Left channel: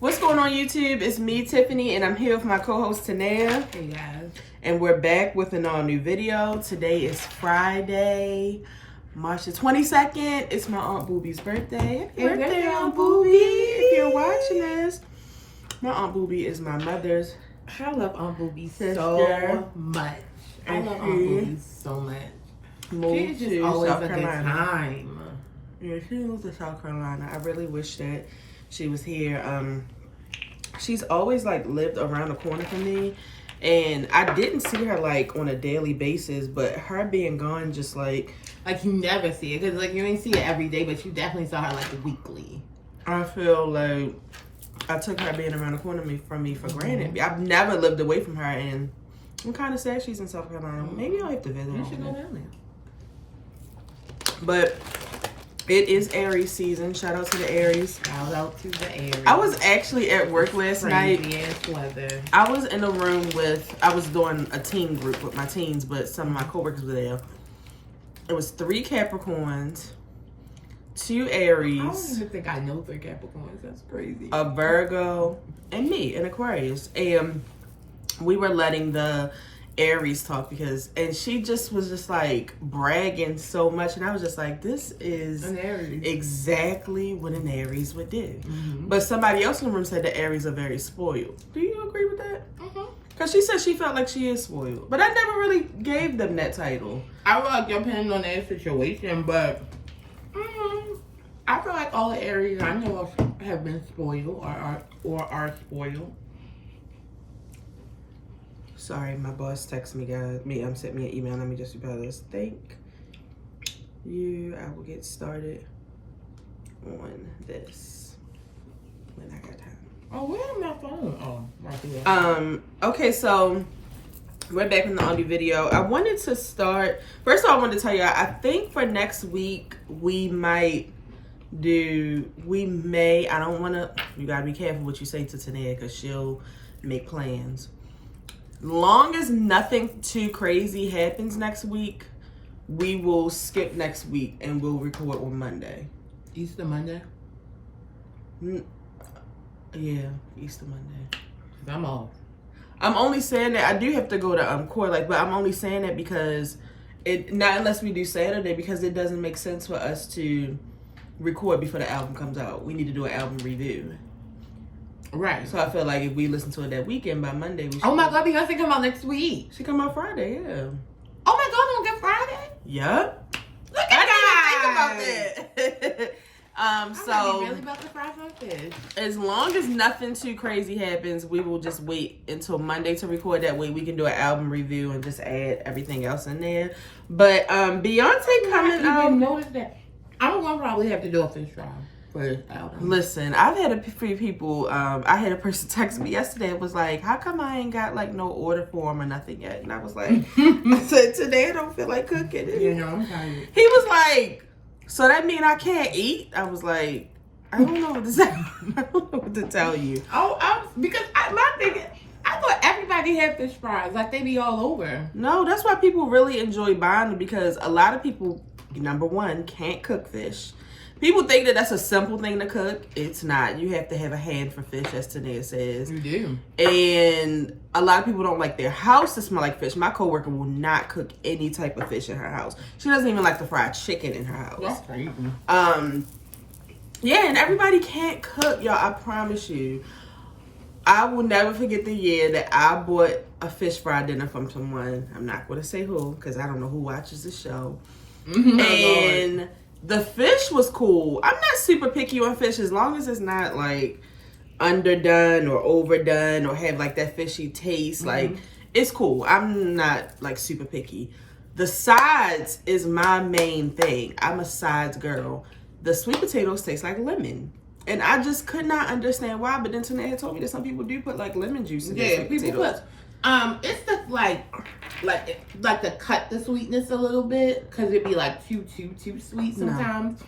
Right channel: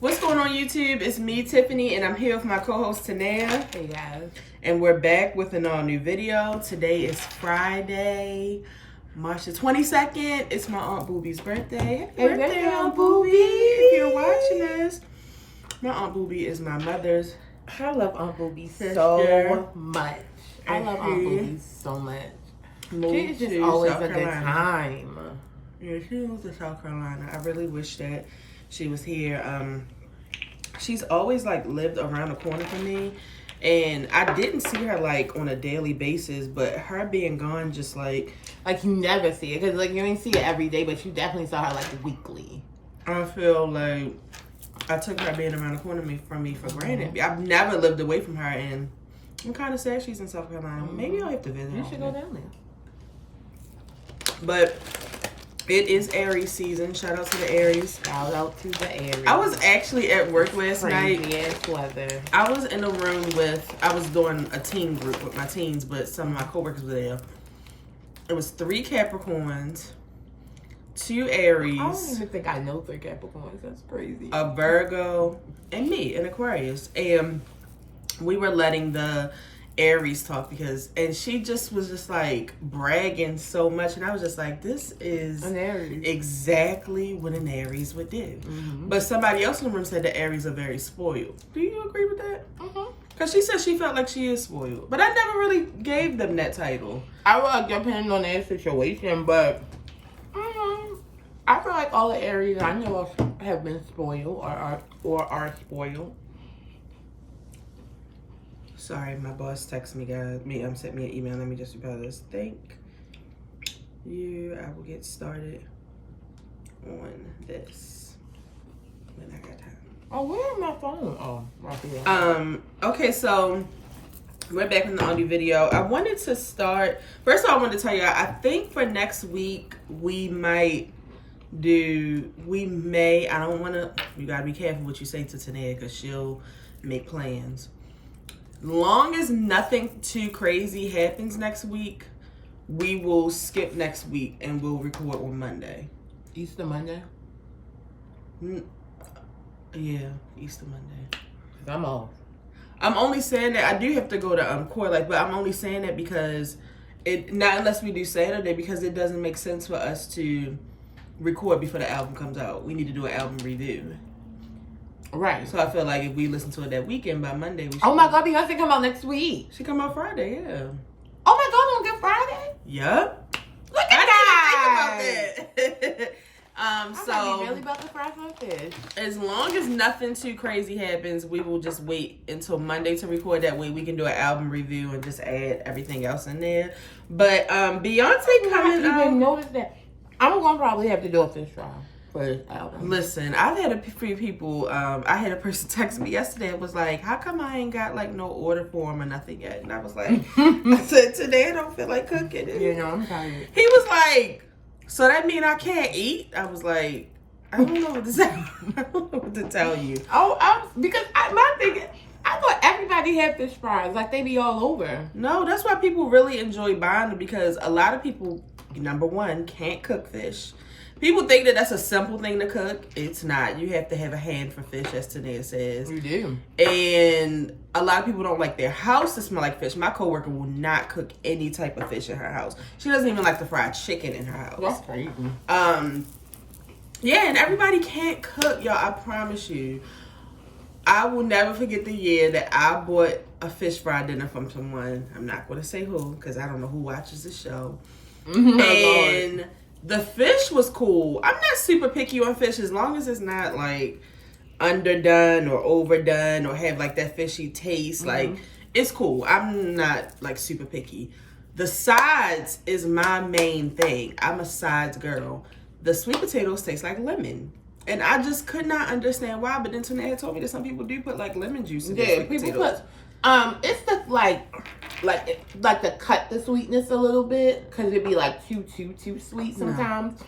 What's going on, YouTube? It's me, Tiffany, and I'm here with my co-host, Tanea. Hey, guys. And we're back with an all-new video. Today is Friday, March the 22nd. It's my Aunt Booby's birthday. Happy birthday, Aunt Booby. If you're watching this. My Aunt Booby is my mother's I love Aunt Booby sister. so much. I love Aunt Booby so much. Moved She's to always South a good Carolina. time. Yeah, she moved to South Carolina. I really wish that she was here. She's always like lived around the corner from me, and I didn't see her like on a daily basis, but her being gone just like you never see it, because like you didn't see it every day, but you definitely saw her like weekly. I feel like I took her being around the corner from me for granted. I've never lived away from her, and I'm kind of sad she's in South Carolina. Maybe I'll have to visit her. You should go down there. But it is Aries season. Shout out to the Aries. Shout out to the Aries. I was actually at work last night. Weather. I was in a room I was doing a teen group with my teens, but some of my coworkers were there. It was 3 Capricorns, 2 Aries. I don't even think I know 3 Capricorns. That's crazy. A Virgo, and me, an Aquarius. And we were letting the Aries talk and she just was just like bragging so much, and I was just like, this is an Aries. Exactly what an Aries would do. But somebody else in the room said the Aries are very spoiled. Do you agree with that? Because she said she felt like she is spoiled, but I never really gave them that title. I feel like depending on their situation, but I feel like all the Aries I know have been spoiled or are spoiled. Sorry, my boss texted me, guys. Sent me an email. Let me just reply this. Thank you. I will get started on this when I got time. Oh, where's my phone? Oh, right here. Okay, so we're back on the on-new video. I wanted to start. First of all, I wanted to tell you, I think for next week we may. I don't want to. You gotta be careful what you say to Tanea, because she'll make plans. Long as nothing too crazy happens next week, we will skip next week and we'll record on Monday. Easter Monday? Yeah, Easter Monday. I'm off. I'm only saying that. I do have to go to court, but I'm only saying that because not unless we do Saturday, because it doesn't make sense for us to record before the album comes out. We need to do an album review. Right. So I feel like if we listen to it that weekend, by Monday we should. Oh my God, Beyonce come out next week. She come out Friday, yeah. Oh my God, on Good Friday? Yep. Look at I didn't think about that. I'm really about to fry my fish. As long as nothing too crazy happens, we will just wait until Monday to record. That way we can do an album review and just add everything else in there. But Beyonce coming out. I didn't even notice that. I'm gonna probably have to do a fish fry for this album. Listen, I've had a few people, I had a person text me yesterday and was like, how come I ain't got like no order form or nothing yet? And I was like, I said, today I don't feel like cooking. And you know, I'm tired. he was like, so that mean I can't eat? I was like, I don't know what to say. I don't know what to tell you. Because my thing, I thought everybody had fish fries, like they be all over. No, that's why people really enjoy buying them, because a lot of people, number one, can't cook fish. People think that that's a simple thing to cook. It's not. You have to have a hand for fish, as Tanea says. You do. And a lot of people don't like their house to smell like fish. My coworker will not cook any type of fish in her house. She doesn't even like the fried chicken in her house. That's crazy. Yeah, and everybody can't cook, y'all. I promise you. I will never forget the year that I bought a fish fry dinner from someone. I'm not going to say who, because I don't know who watches the show. And the fish was cool. I'm not super picky on fish, as long as it's not like underdone or overdone or have like that fishy taste. Like, it's cool. I'm not like super picky. The sides is my main thing. I'm a sides girl. The sweet potatoes taste like lemon. And I just could not understand why. But then Tanea told me that some people do put like lemon juice in their sweet potatoes. It's the like to cut the sweetness a little bit, because it'd be like too sweet sometimes.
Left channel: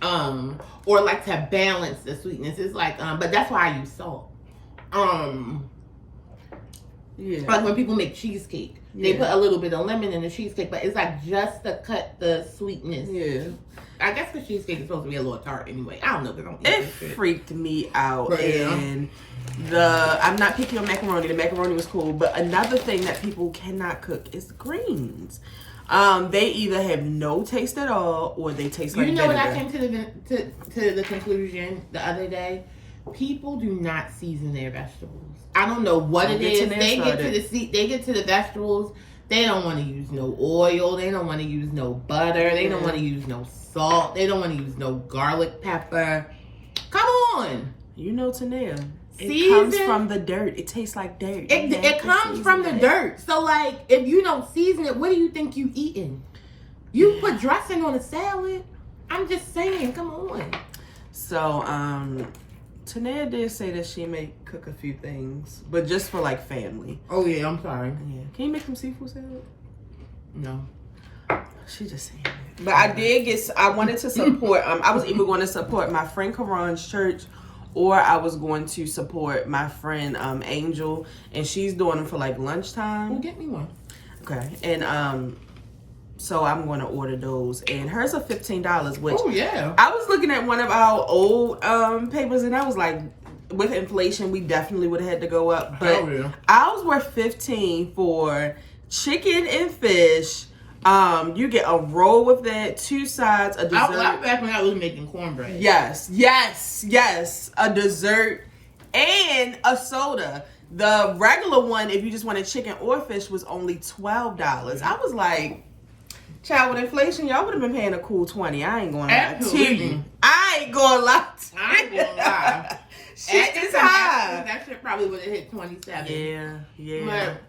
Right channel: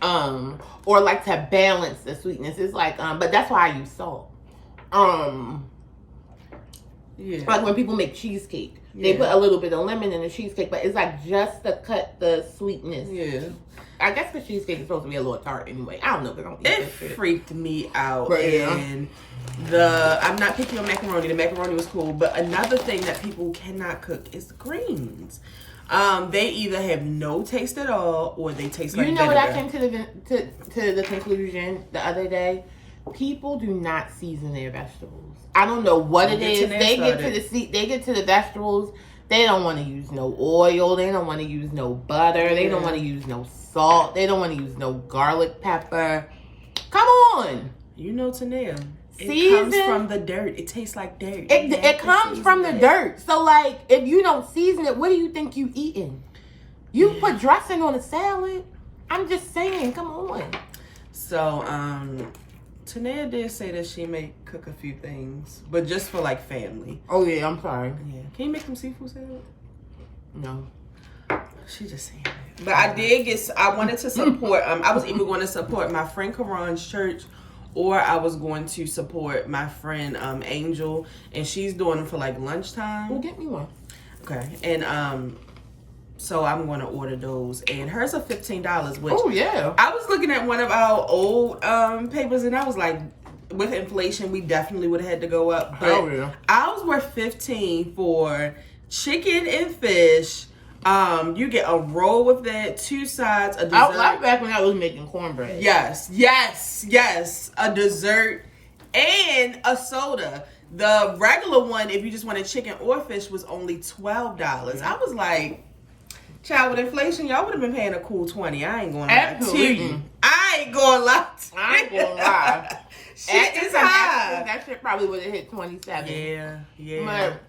Or like to balance the sweetness. It's like but that's why I use salt. Yeah. Like when people make cheesecake. Yeah. They put a little bit of lemon in the cheesecake, but it's like just to cut the sweetness. Yeah. I guess the cheesecake is supposed to be a little tart anyway. I don't know, but I don't eat It that shit. freaked me out. But, yeah. And I'm not picky on macaroni. The macaroni was cool. But another thing that people cannot cook is the greens. They either have no taste at all or they taste like vinegar. You know what I came to the conclusion the other day? People do not season their vegetables. I don't know what it is. They get to the vegetables. They don't want to use no oil. They don't want to use no butter. They don't want to use no salt. They don't want to use no garlic pepper. Come on. You know, Tanea. It Season, comes from the dirt. It tastes like dirt. It comes from the dirt. So, like, if you don't season it, what do you think you eating? You put dressing on a salad? I'm just saying, come on. So, Tanea did say that she may cook a few things, but just for, like, family. Oh, yeah, I'm sorry. Yeah. Can you make some seafood salad? No. She just saying it. But I wanted to support, I was either going to support my friend Karan's church, or I was going to support my friend Angel, and she's doing them for like lunchtime. Well, get me one. Okay, and so I'm going to order those, and hers are $15. Which I was looking at one of our old papers, and I was like, with inflation, we definitely would have had to go up. But ours were $15 for chicken and fish. You get a roll with that, 2 sides, a dessert. I like back when I was making cornbread. Yes. A dessert and a soda. The regular one, if you just wanted chicken or fish, was only $12. I was like, child, with inflation, y'all would have been paying a cool $20. I ain't going to lie to you. I ain't going to lie. Shit is high. That shit probably would have hit 27. Yeah.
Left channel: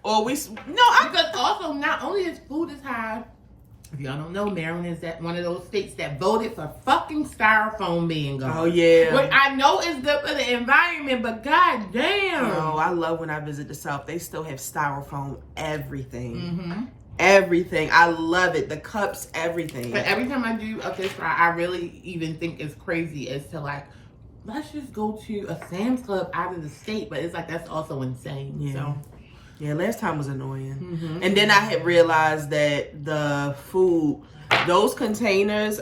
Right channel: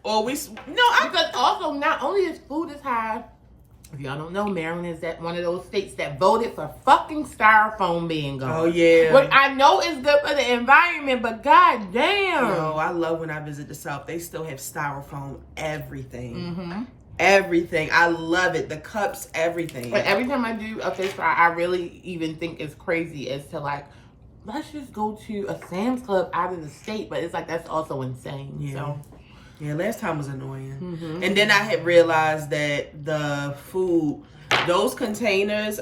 Because also, not only is food is high, if y'all don't know, Maryland is one of those states that voted for fucking styrofoam being gone. Oh, yeah. But I know it's good for the environment, but goddamn. No, I love when I visit the South. They still have styrofoam everything. Mm-hmm. Everything. I love it. The cups, everything. But every time I do a fish fry, I really even think it's crazy as to like, let's just go to a Sam's Club out of the state. But it's like, that's also insane. Yeah. So. Yeah, last time was annoying. Mm-hmm. And then I had realized that the food, those containers,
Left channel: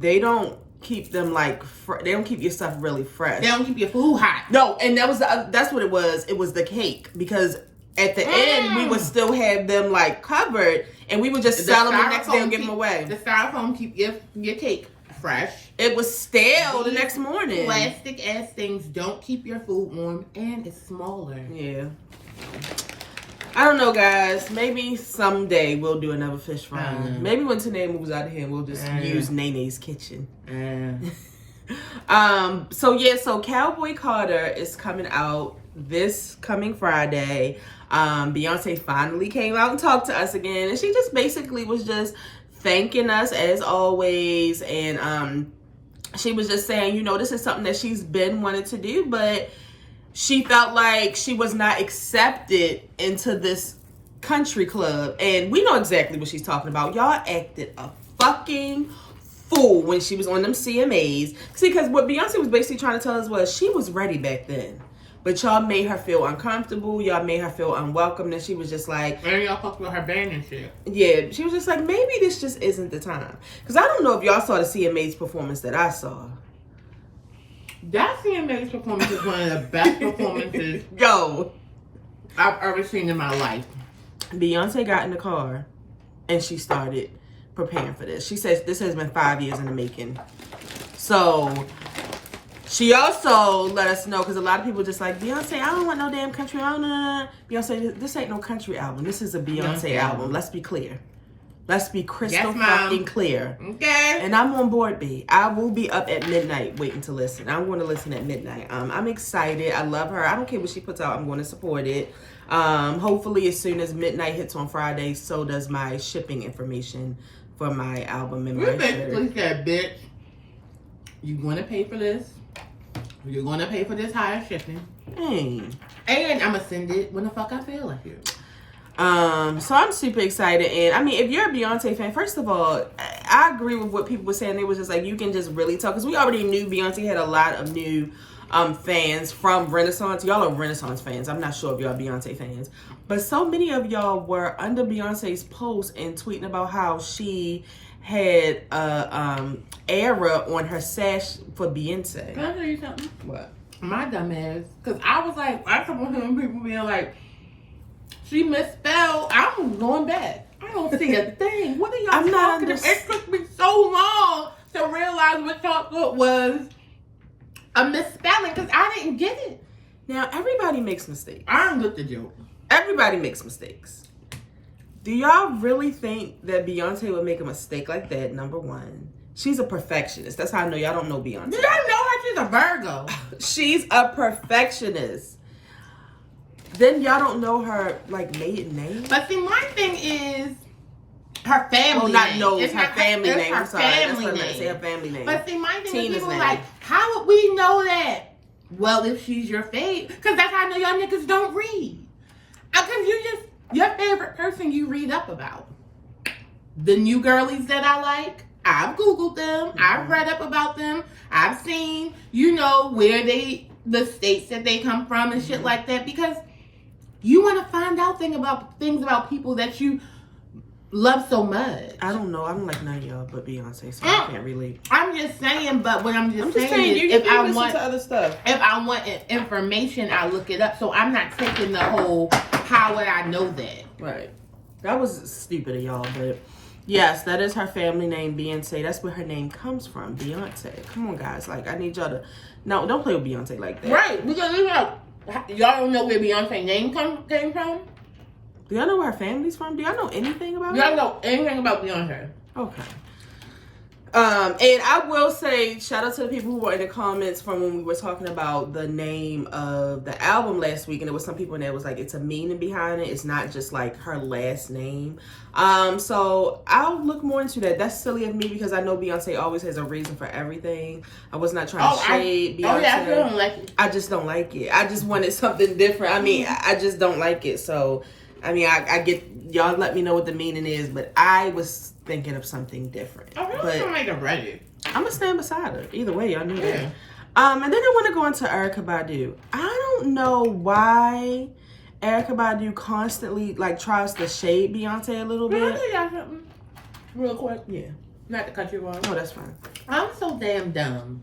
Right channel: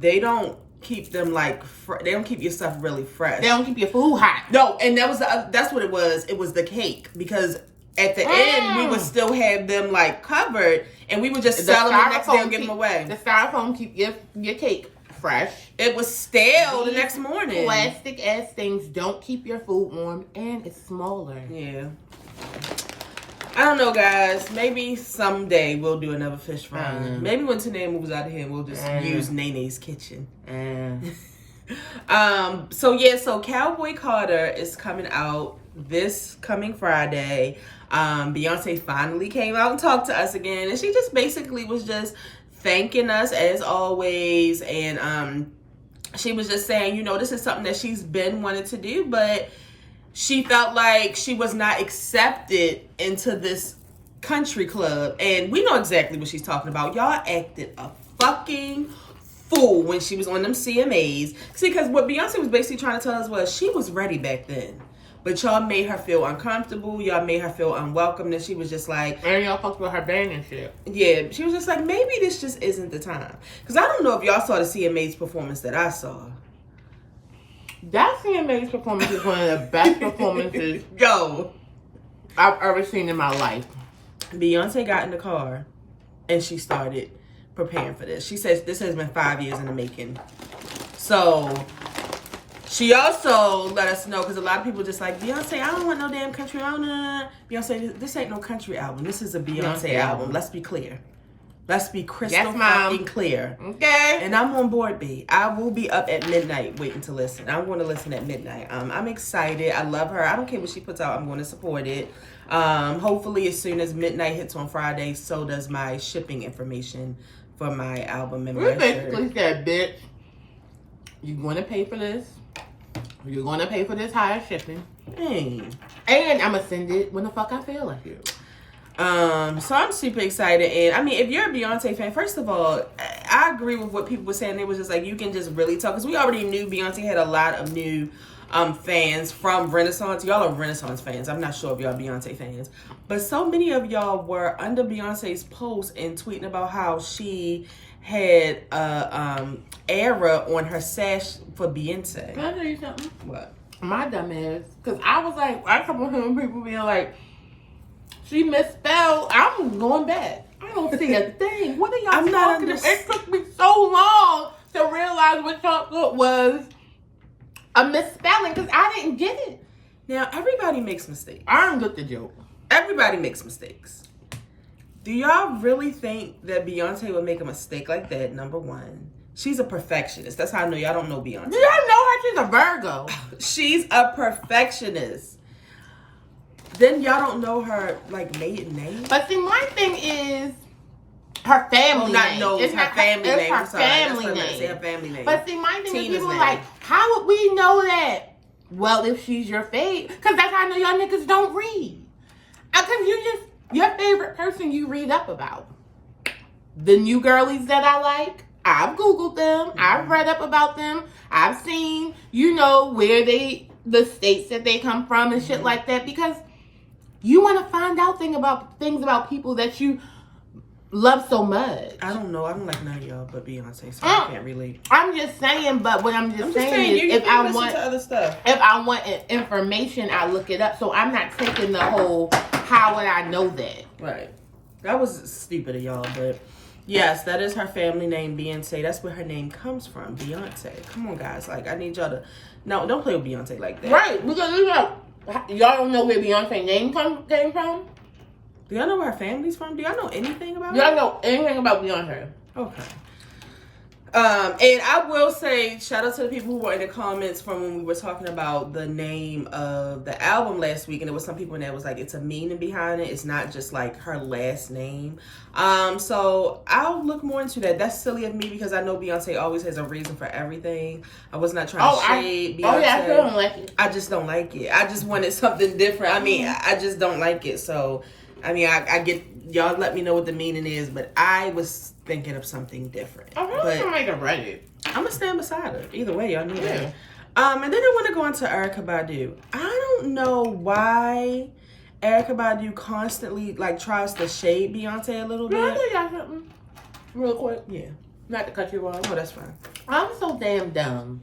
they don't keep them like, they don't keep your stuff really fresh. They don't keep your food hot. No, and that's what it was. It was the cake. Because at the end, we would still have them like covered, and we would just sell them the next day and give them away. The styrofoam keep your cake fresh. It was stale the next morning. Plastic ass things don't keep your food warm, and it's smaller. Yeah. I don't know, guys. Maybe someday we'll do another fish fry. Maybe when Tanea moves out of here, we'll just use Nene's kitchen. So Cowboy Carter is coming out this coming Friday. Beyonce finally came out and talked to us again, and she just basically was just thanking us as always, and she was just saying, you know, this is something that she's been wanting to do, but she felt like she was not accepted into this country club. And we know exactly what she's talking about. Y'all acted a fucking fool when she was on them CMAs. See, because what Beyonce was basically trying to tell us was she was ready back then. But y'all made her feel uncomfortable. Y'all made her feel unwelcome. And she was just like... And y'all talked about her band and shit. Yeah, she was just like, maybe this just isn't the time. Because I don't know if y'all saw the CMAs performance that I saw. That CMA's performance is one of the best performances I've ever seen in my life. Beyonce got in the car and she started preparing for this. She says this has been 5 years in the making. So she also let us know, because a lot of people just like, Beyonce, I don't want no damn country album. Beyonce, this ain't no country album. This is a Beyonce album. Let's be clear. Let's be crystal fucking clear. Okay. And I'm on board, B. I will be up at midnight waiting to listen. I'm going to listen at midnight. I'm excited. I love her. I don't care what she puts out. I'm going to support it. Hopefully, as soon as midnight hits on Friday, so does my shipping information for my album and my shirt. Basically said, bitch, you're going to pay for this. You're going to pay for this higher shipping. Dang. And I'm going to send it when the fuck I feel like it. So I'm super excited. And I mean, if you're a Beyonce fan, first of all, I agree with what people were saying. They was just like, you can just really tell, because we already knew Beyonce had a lot of new fans from Renaissance. Y'all are Renaissance fans. I'm not sure if y'all Beyonce fans. But so many of y'all were under Beyonce's post and tweeting about how she had era on her sash for Beyonce. Can I tell you something? What? My dumb ass. Because I was like, I kept on hearing people being like, she misspelled. I was going back. I don't see a thing. What are y'all talking about? It took me so long to realize what chocolate was a misspelling because I didn't get it. Now, everybody makes mistakes. I didn't get the joke. Everybody makes mistakes. Do y'all really think that Beyonce would make a mistake like that? Number one. She's a perfectionist. That's how I know y'all don't know Beyonce. Do y'all know her? She's a Virgo. She's a perfectionist. Then y'all don't know her, like, maiden name? But see, my thing is her family name. It's her family name. Her family name. Say her family name. But see, my thing Tina's is people name. like, how would we know that? Well, if she's your fave. Because that's how I know y'all niggas don't read. Because you just, your favorite person you read up about. The new girlies that I like, I've Googled them. I've read up about them. I've seen, where the states that they come from and shit like that. Because you want to find out things about people that you love so much. I don't know. I don't like none of y'all but Beyonce, so I can't relate. I'm just saying, but what I'm just saying is, if I want other stuff, if I want information, I look it up. So I'm not taking the whole how would I know that? Right. That was stupid of y'all, but yes, that is her family name, Beyonce. That's where her name comes from, Beyonce. Come on, guys. Like, I need y'all to don't play with Beyonce like that. Right? Because y'all don't know where Beyonce name came from. Do y'all know where her family's from? Do y'all know anything about Y'all her? know anything about Beyonce? Okay. And I will say, shout out to the people who were in the comments from when we were talking about the name of the album last week, and there was some people in there was like, it's a meaning behind it. It's not just like her last name. So I'll look more into that. That's silly of me because I know Beyonce always has a reason for everything. I was not trying to shade Beyonce. Oh yeah, I still don't like it. I just don't like it. I just wanted something different. I mean, I just don't like it. So, I mean, I get, y'all let me know what the meaning is, but I was thinking of something different. I really don't like to write it. I'm gonna stand beside her. Either way, y'all knew that. And then I want to go into Erykah Badu. I don't know why Erykah Badu constantly tries to shade Beyonce a little bit. Can I tell y'all something real quick? Yeah. Not to cut you off. Oh, that's fine. I'm so damn dumb.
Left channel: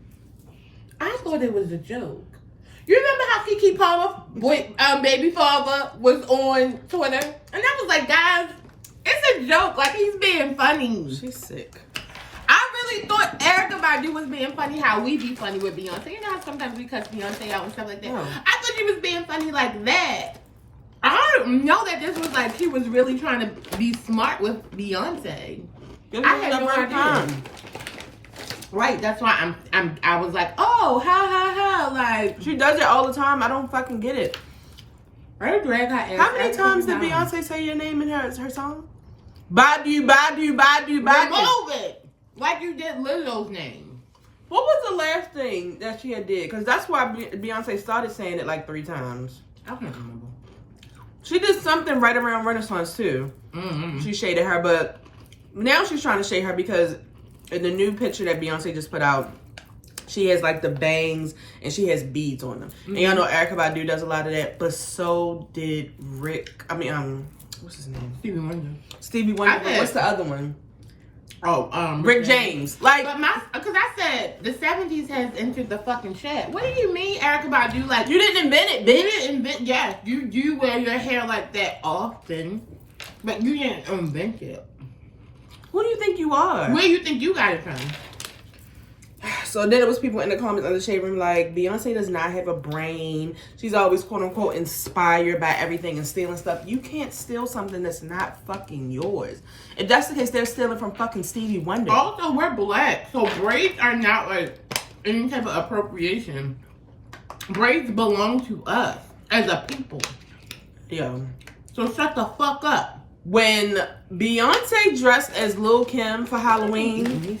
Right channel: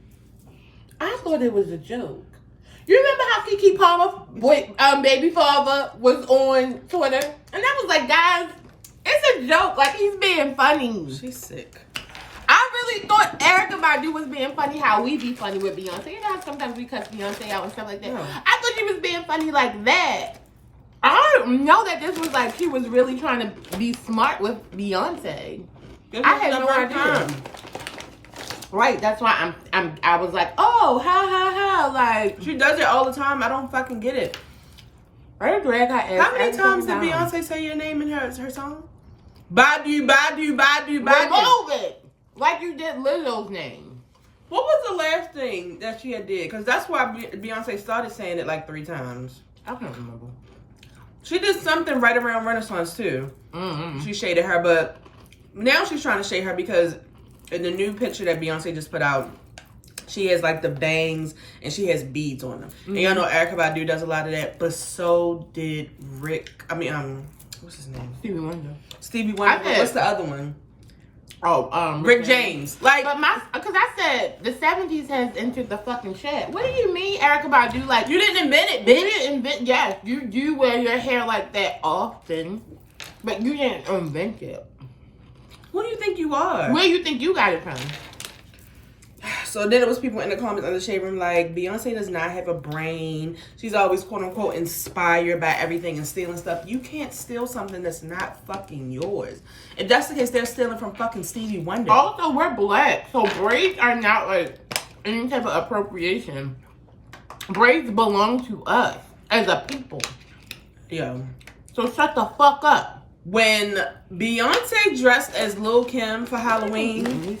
I thought it was a joke. You remember how Keke Palmer, baby father, was on Twitter? And I was like, guys, it's a joke. Like, he's being funny. She's sick. I really thought Erykah Badu was being funny how we be funny with Beyonce. You know how sometimes we cut Beyonce out and stuff like that? Yeah. I thought she was being funny like that. I don't know that this was like, she was really trying to be smart with Beyonce. I had no idea. Right, that's why I was like, oh, ha, like. She does it all the time. I don't fucking get it. I drag her ass. How many times did Beyonce say your name in her song? Badu, Badu, Badu, Badu. Remove it. Like you did Lizzo's name. What was the last thing that she had did? Because that's why Beyonce started saying it like 3 times. I can't remember. She did something right around Renaissance too. Mm-hmm. She shaded her, but now she's trying to shade her because in the new picture that Beyonce just put out, she has like the bangs and she has beads on them. Mm-hmm. And y'all know Erykah Badu does a lot of that, but so did what's his name? Stevie Wonder. What's the other one? Oh, Rick James. Like, because I said the 70s has entered the fucking shed. What do you mean, Erykah Badu? Like, you didn't invent it, bitch. You didn't invent. Yes, you do wear your hair like that often, but you didn't invent it. Who do you think you are? Where do you think you got it from? So then it was people in the comments on the shade room like, Beyonce does not have a brain. She's always quote unquote inspired by everything and stealing stuff. You can't steal something that's not fucking yours. If that's the case, they're stealing from fucking Stevie Wonder. Also, we're black, so braids are not like any type of appropriation. Braids belong to us as a people. Yeah. So shut the fuck up. When Beyonce dressed as Lil' Kim for Halloween,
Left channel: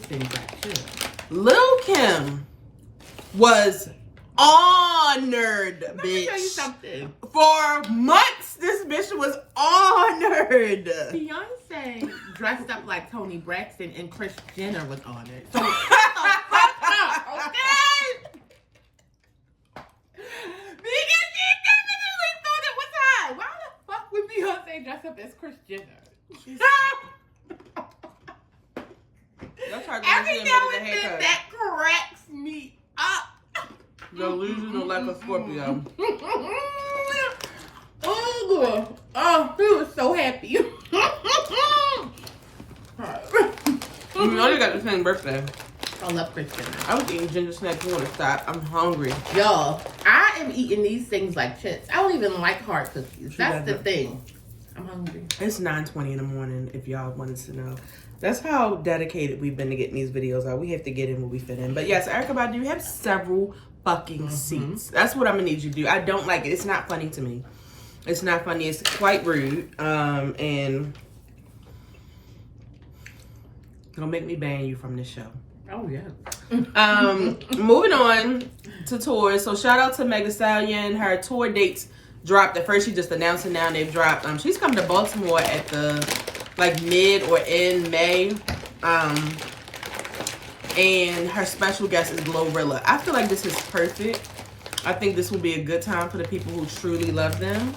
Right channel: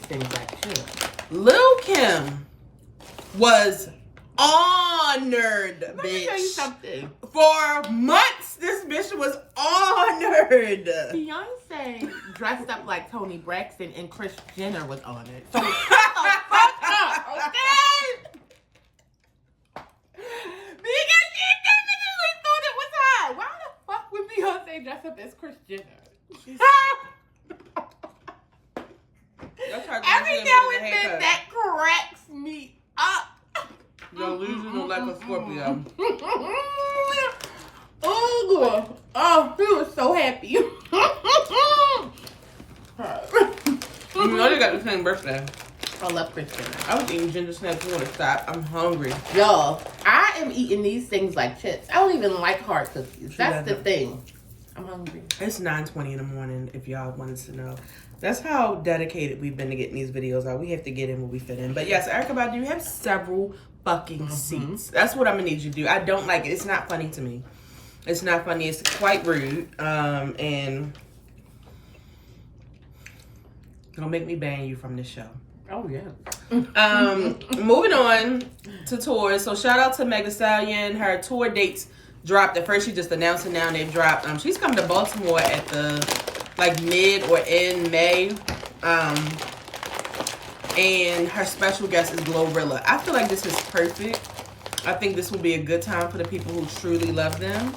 Lil' Kim was honored, bitch. Let me tell you something. For months, this bitch was honored. Beyonce dressed up like Toni Braxton and Kris Jenner was honored. So shut the fuck up, okay? Beyonce dress up as Kris Jenner. Every now and then that cracks me up. Yo, Luigi don't like a Scorpio. Oh, he was so happy. You know you got the same birthday. I love Kris Jenner. I was eating ginger snaps too to stop. I'm hungry. Yo, I am eating these things like chips. I don't even like hard cookies. That's the thing. I'm hungry. It's 9:20 in the morning, if y'all wanted to know. That's how dedicated we've been to getting these videos out. We have to get in where we fit in. But yes, Erykah Badu have several fucking seats. That's what I'm gonna need you to do. I don't like it. It's not funny to me. It's not funny. It's quite rude. And it'll make me ban you from this show. Oh yeah. Moving on to tours. So shout out to Meg Thee Stallion. Her tour dates dropped. At first she just announced it, now they've dropped. She's coming to Baltimore at the like mid or in May. And her special guest is Glorilla. I feel like this is perfect. I think this will be a good time for the people who truly love them.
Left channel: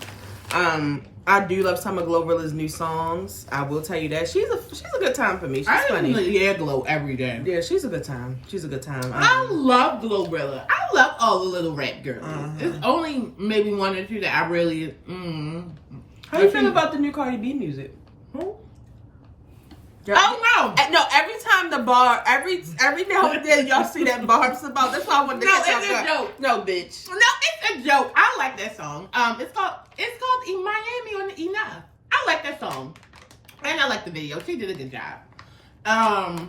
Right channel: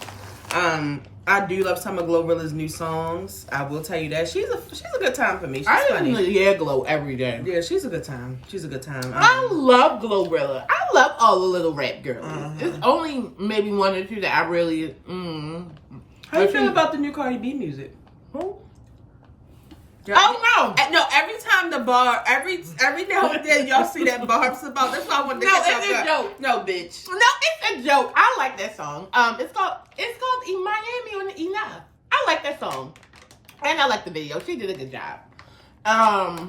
I do love some of Glorilla's new songs. I will tell you that. She's a good time for me. She's funny. I Glow every day. Yeah, she's a good time. She's a good time. I love Glorilla. I love all the little rap girls. It's only maybe one or two that I really. How you feel about the new Cardi B music? Who? Yeah. Oh no! No, every time the bar, every now and then y'all see that Barb's about. That's why I wanted to catch it's a joke. No, bitch. No, it's a joke. I like that song. It's called Miami on Enough. I like that song, and I like the video. She did a good job. That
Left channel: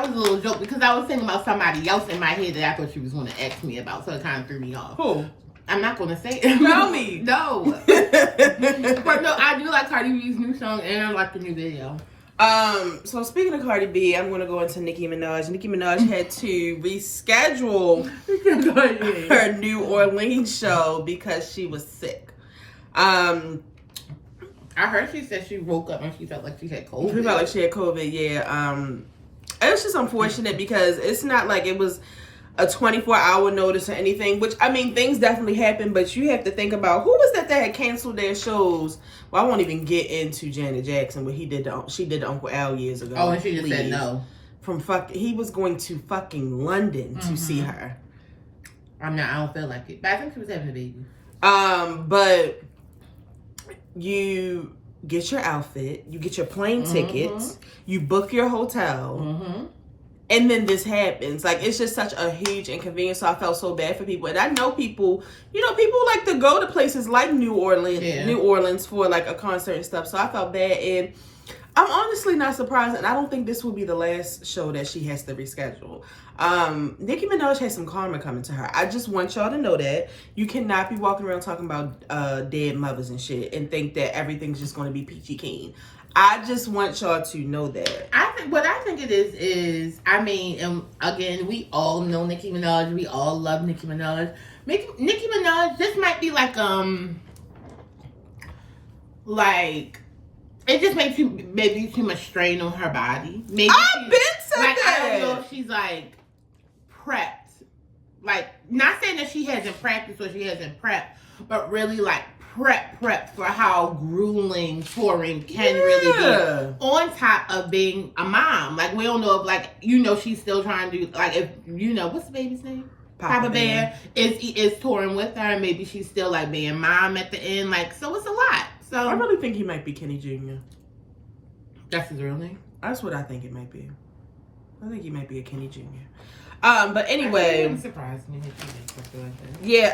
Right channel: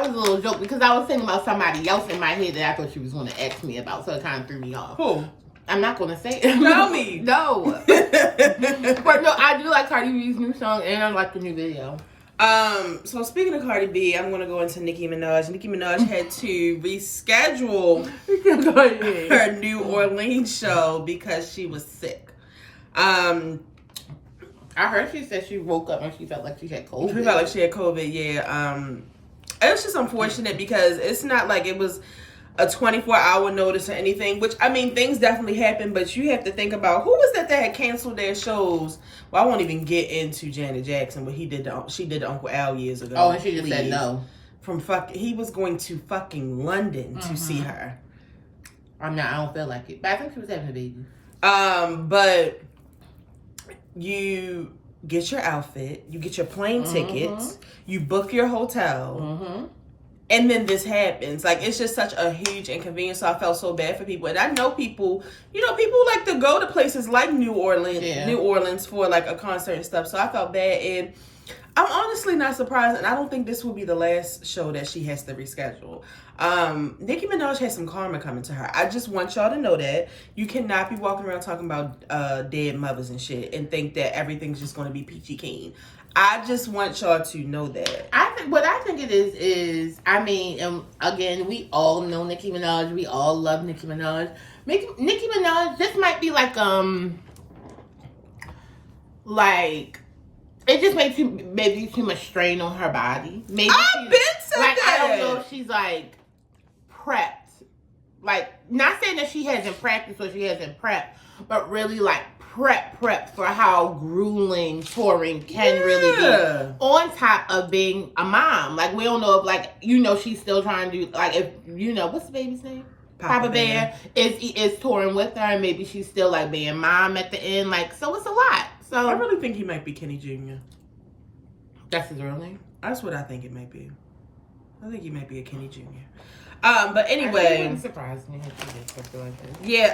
was a little joke because I was thinking about somebody else in my head that I thought she was going to ask me about, so it kind of threw me off. Who? I'm not going to say it. Tell me. No. But no, I do like Cardi B's new song, and I like the new video. So speaking of Cardi B, I'm gonna go into Nicki Minaj. Nicki Minaj had to reschedule her New Orleans show because she was sick. I heard she said she woke up and she felt like she had COVID. She felt like she had COVID, yeah. It was just unfortunate because it's not like it was a 24-hour notice or anything, which, I mean, things definitely happen, but you have to think about who was that had canceled their shows. Well, I won't even get into Janet Jackson, but she did the Uncle Al years ago. Oh, and she just said no. He was going to fucking London to see her. I don't feel like it. But I think she was having a baby. But you get your outfit, you get your plane tickets, you book your hotel, and then this happens. Like, it's just such a huge inconvenience. So I felt so bad for people. And I know people, people like to go to places like New Orleans for like a concert and stuff. So I felt bad. And I'm honestly not surprised. And I don't think this will be the last show that she has to reschedule. Nicki Minaj has some karma coming to her. I just want y'all to know that you cannot be walking around talking about dead mothers and shit and think that everything's just going to be peachy keen. I just want y'all to know that. What I think it is, I mean, and again, we all know Nicki Minaj. We all love Nicki Minaj. Nicki Minaj, this might be like it just makes maybe too much strain on her body. Maybe I've been said that. I don't know if she's like prepped. Like, not saying that she hasn't practiced or she hasn't prepped, but really like prep for how grueling touring can really be. On top of being a mom. Like, we don't know if she's still trying to like, if what's the baby's name? Papa Bear is touring with her, and maybe she's still like being mom at the end. Like, so it's a lot. So I really think he might be Kenny Jr. That's his real name? That's what I think it might be. I think he might be a Kenny Jr. But anyway, it wouldn't surprise me if she did something like that. Yeah,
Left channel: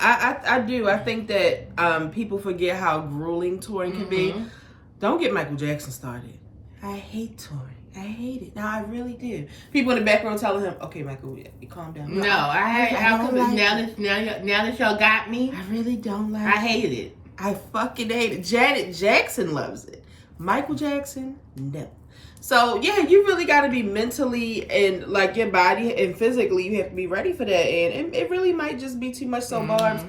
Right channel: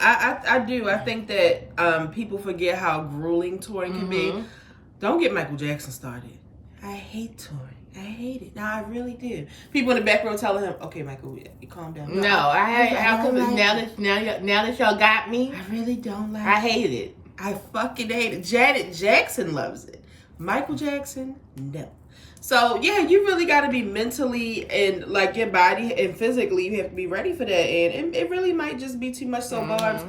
I do. I think that people forget how grueling touring can be. Don't get Michael Jackson started. I hate touring. I hate it. No, I really do. People in the back row telling him, "Okay, Michael, you calm down." No, now that y'all got me, I really don't like. I hate it. I fucking hate it. Janet Jackson loves it. Michael Jackson, no. So yeah, you really got to be mentally and like your body and physically, you have to be ready for that. And it really might just be too much. So Barbs,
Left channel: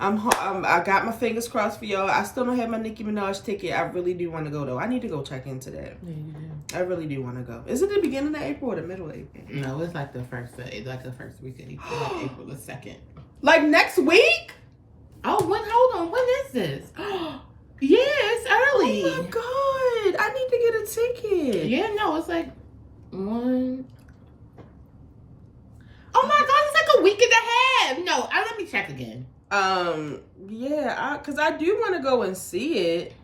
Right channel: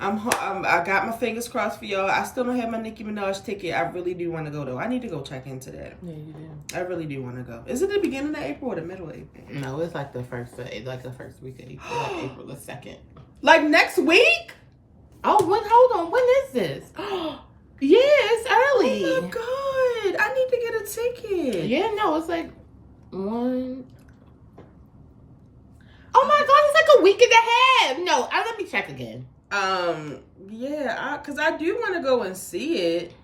I got my fingers crossed for y'all. I still don't have my Nicki Minaj ticket. I really do want to go though. I need to go check into that. Yeah, you do. I really do want to go. Is it the beginning of April or the middle of April? No, it's like the first week of April, like April the 2nd. Like next week? Oh, hold on. When is this? Yeah, it's early. Oh my God. I need to get a ticket. Yeah, no, it's like 1. Oh my God, it's like a week and a half. No, let me check again. Yeah, because I do want to go and see it.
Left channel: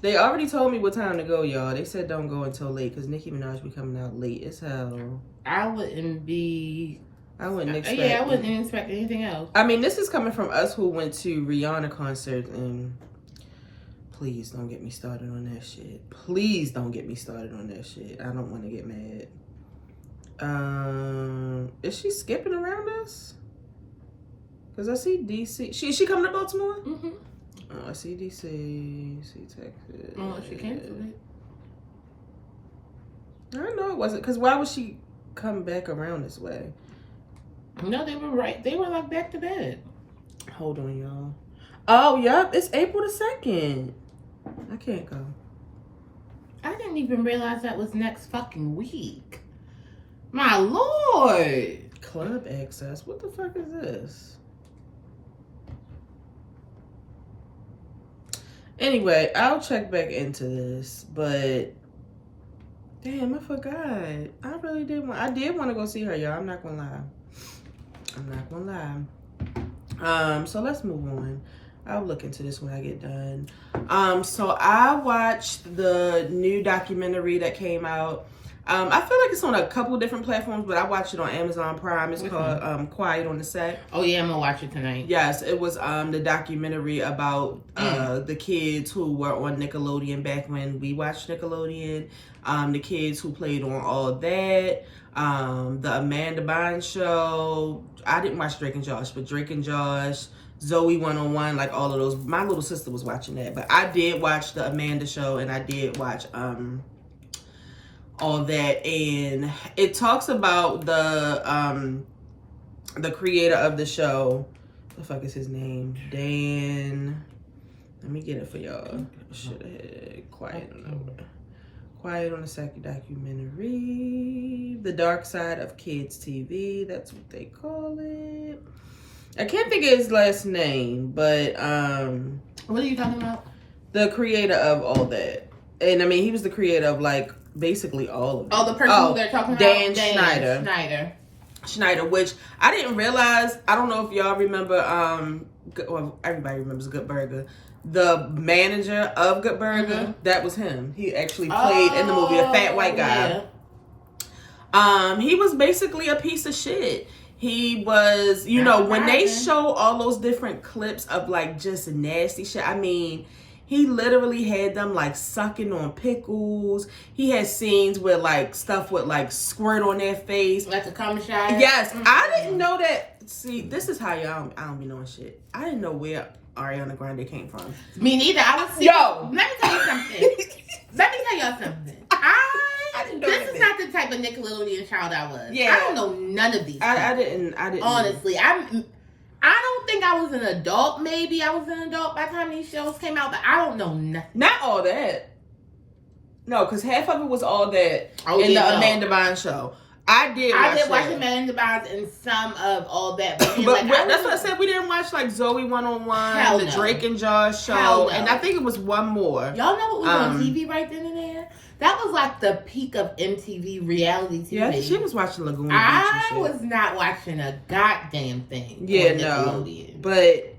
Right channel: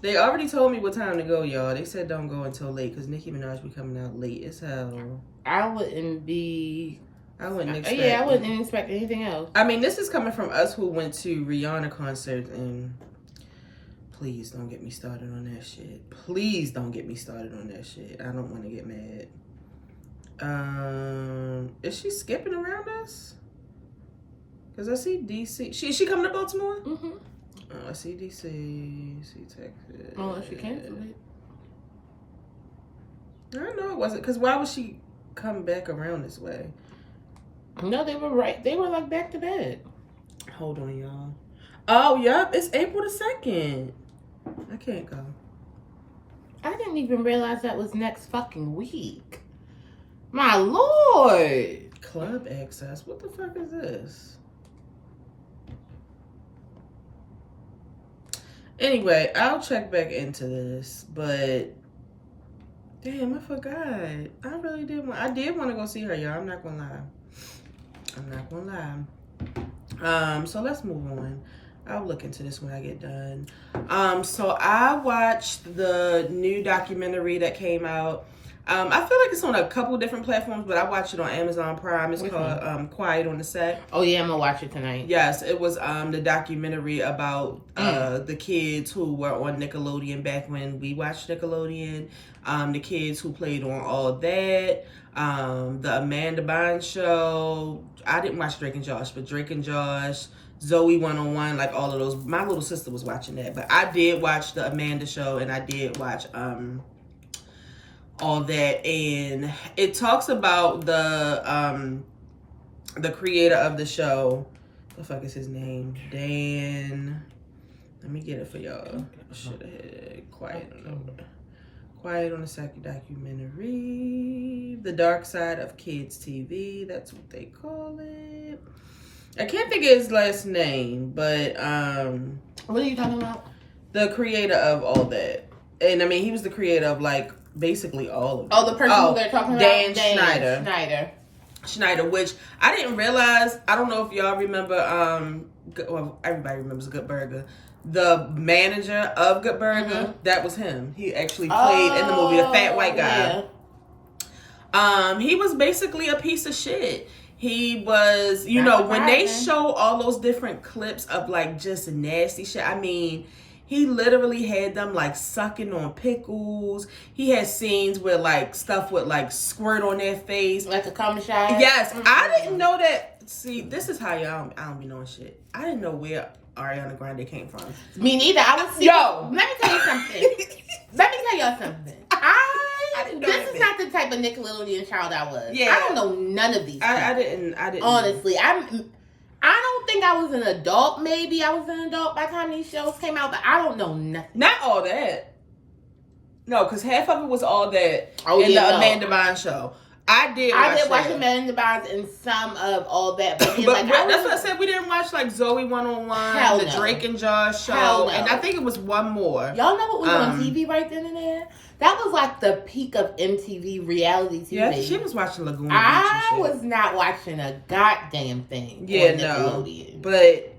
They already told me what time to go, y'all. They said don't go until late because Nicki Minaj be coming out late as hell. I wouldn't expect. Yeah, I wouldn't expect anything else. I mean, this is coming from us who went to Rihanna concert, and please don't get me started on that shit. Please don't get me started on that shit. I don't want to get mad. Is she skipping around us? Because I see DC. She coming to Baltimore? Mm-hmm. Oh, I see DC. See Texas. Oh, she canceled it. I know it wasn't. Because why would she come back around this way? No, they were right. They were like back to back. Hold on, y'all. Oh, yep. It's April the 2nd. I can't go. I didn't even realize that was next fucking week. My Lord. Club access. What the fuck is this? Anyway, I'll check back into this, but damn, I forgot. I really did want. I did want to go see her, y'all. I'm not gonna lie. So let's move on. I'll look into this when I get done. So I watched the new documentary that came out. I feel like it's on a couple different platforms, but I watched it on Amazon Prime. It's called Quiet on the Set. Oh yeah, I'm gonna watch it tonight. Yes, it was the documentary about the kids who were on Nickelodeon back when we watched Nickelodeon. The kids who played on all that. The Amanda Bynes show. I didn't watch Drake and Josh, but Drake and Josh, Zoe 101, like all of those. My little sister was watching that, but I did watch the Amanda show, and I did watch all that, and it talks about the creator of the show. What the fuck is his name? Dan. Let me get it for y'all. Should have had Quiet on the Set documentary. The Dark Side of Kids TV. That's what they call it. I can't think of his last name, but what are you talking about? The creator of all that, and I mean he was the creator of like basically all of it. Oh, the person who they're talking about? Dan Schneider, which I didn't realize. I don't know if y'all remember, well, everybody remembers Good Burger. The manager of Good Burger, that was him. He actually played in the movie, the fat white guy. Yeah. He was basically a piece of shit. He was, you know, when they show all those different clips of like just nasty shit, I mean, he literally had them like sucking on pickles. He had scenes where like stuff would like squirt on their face. Like a commissary? Yes. I didn't know that. See, this is how y'all, I don't be knowing shit. I didn't know where Ariana Grande came from. Me neither. I was Yo. Let me tell you something. This is not the type of Nickelodeon child I was. Yeah. I don't know none of these. I didn't. Honestly, I don't think I was an adult. Maybe I was an adult by the time these shows came out, but I don't know nothing. Not all that. No, because half of it was all that in the Amanda Bynes show. I did watch Amanda Bynes and some of all that. But like, that's what I said. We didn't watch like Zoe 101, the Drake and Josh show, and I think it was one more. Y'all know what was on TV right then and there? That was like the peak of MTV reality TV. Yeah, she was watching Lagoon. I was not watching a goddamn thing. Yeah, no. But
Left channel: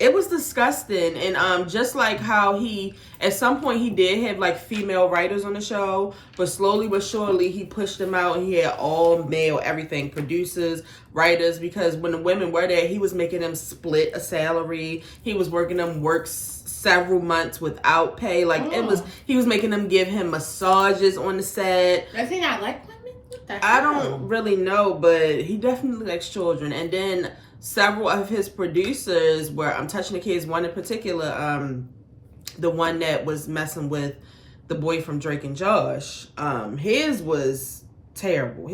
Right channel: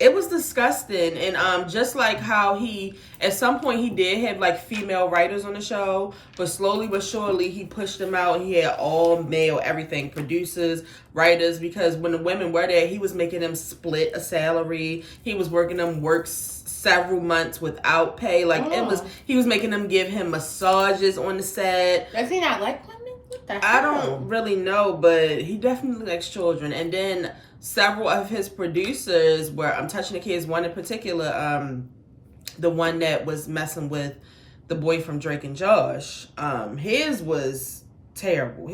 it was disgusting. And just like how at some point he did have like female writers on the show, but slowly but surely he pushed them out. He had all male everything, producers, writers, because when the women were there, he was making them split a salary. He was working them several months without pay. Like he was making them give him massages on the set. Does he not like women? I don't really know, but he definitely likes children. And then several of his producers were, I'm touching the kids, one in particular, the one that was messing with the boy from Drake and Josh. His was terrible.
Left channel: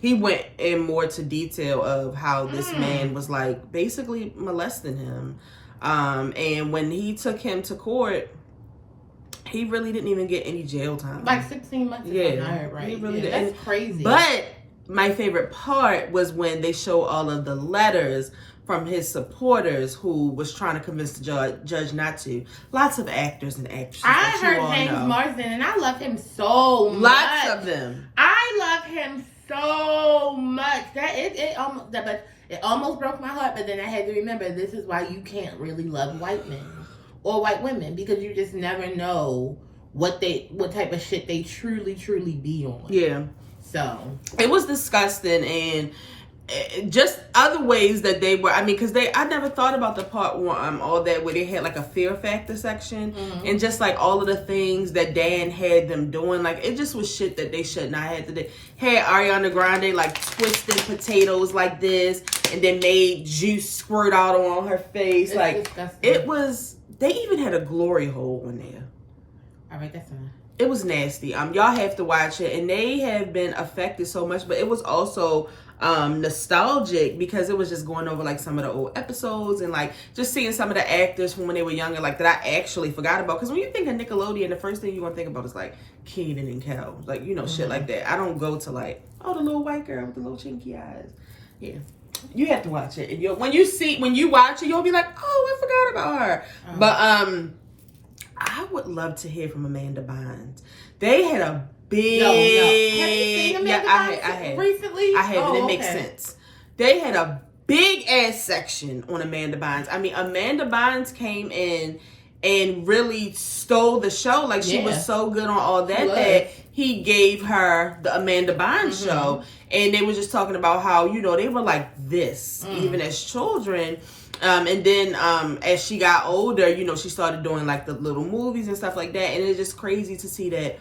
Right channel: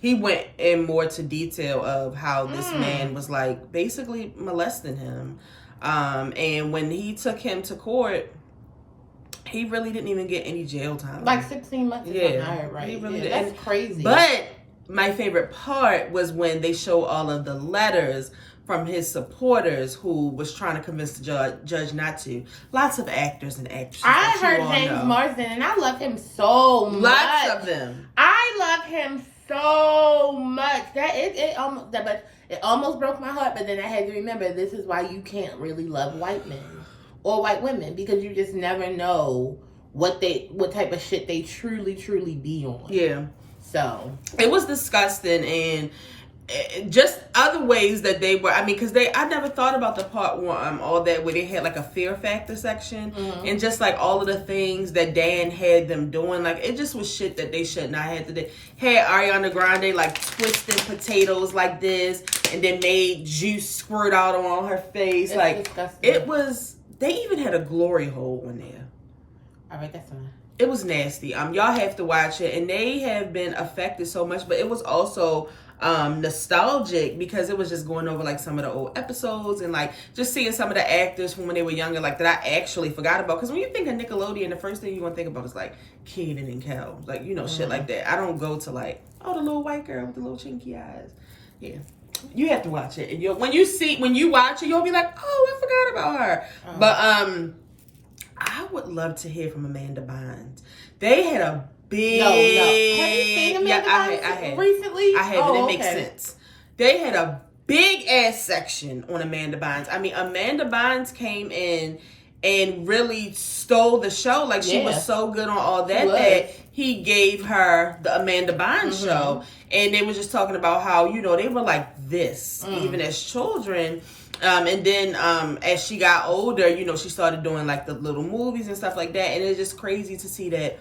He went in more to detail of how this man was like basically molesting him. And when he took him to court, he really didn't even get any jail time. Like 16 months. Yeah, right? He really didn't. That's crazy. But my favorite part was when they show all of the letters from his supporters who was trying to convince the judge not to. Lots of actors and actresses. I heard James Marsden, and I love him so much. Lots of them. I love him so much. It almost broke my heart, but then I had to remember this is why you can't really love white men or white women, because you just never know what type of shit they truly be on. Yeah. So it was disgusting, and just other ways that they were. I mean, because I never thought about the part all that where they had like a fear factor section, and just like all of the things that Dan had them doing, like it just was shit that they should not have to do. Had Ariana Grande like twisting potatoes like this, and then made juice squirt out on her face. It's like disgusting. It was. They even had a glory hole on there. All right, that's fine. It was nasty. Y'all have to watch it, and they have been affected so much, but it was also nostalgic because it was just going over like some of the old episodes and like just seeing some of the actors from when they were younger, like that I actually forgot about. Because when you think of Nickelodeon, the first thing you're gonna think about is like Kenan and Kel, like shit like that. I don't go to like, oh, the little white girl with the little chinky eyes. Yeah, you have to watch it, and when you watch it, you'll be like, oh, I forgot about her. But I would love to hear from Amanda Bynes. They had a big. No. Have you seen Amanda Bynes I had recently? I have, and it makes sense. They had a big ass section on Amanda Bynes. I mean, Amanda Bynes came in and really stole the show. Like she was so good on all that he gave her the Amanda Bynes show, and they were just talking about how they were like this even as children. And then as she got older, she started doing like the little movies and stuff like that. And it's just crazy to see that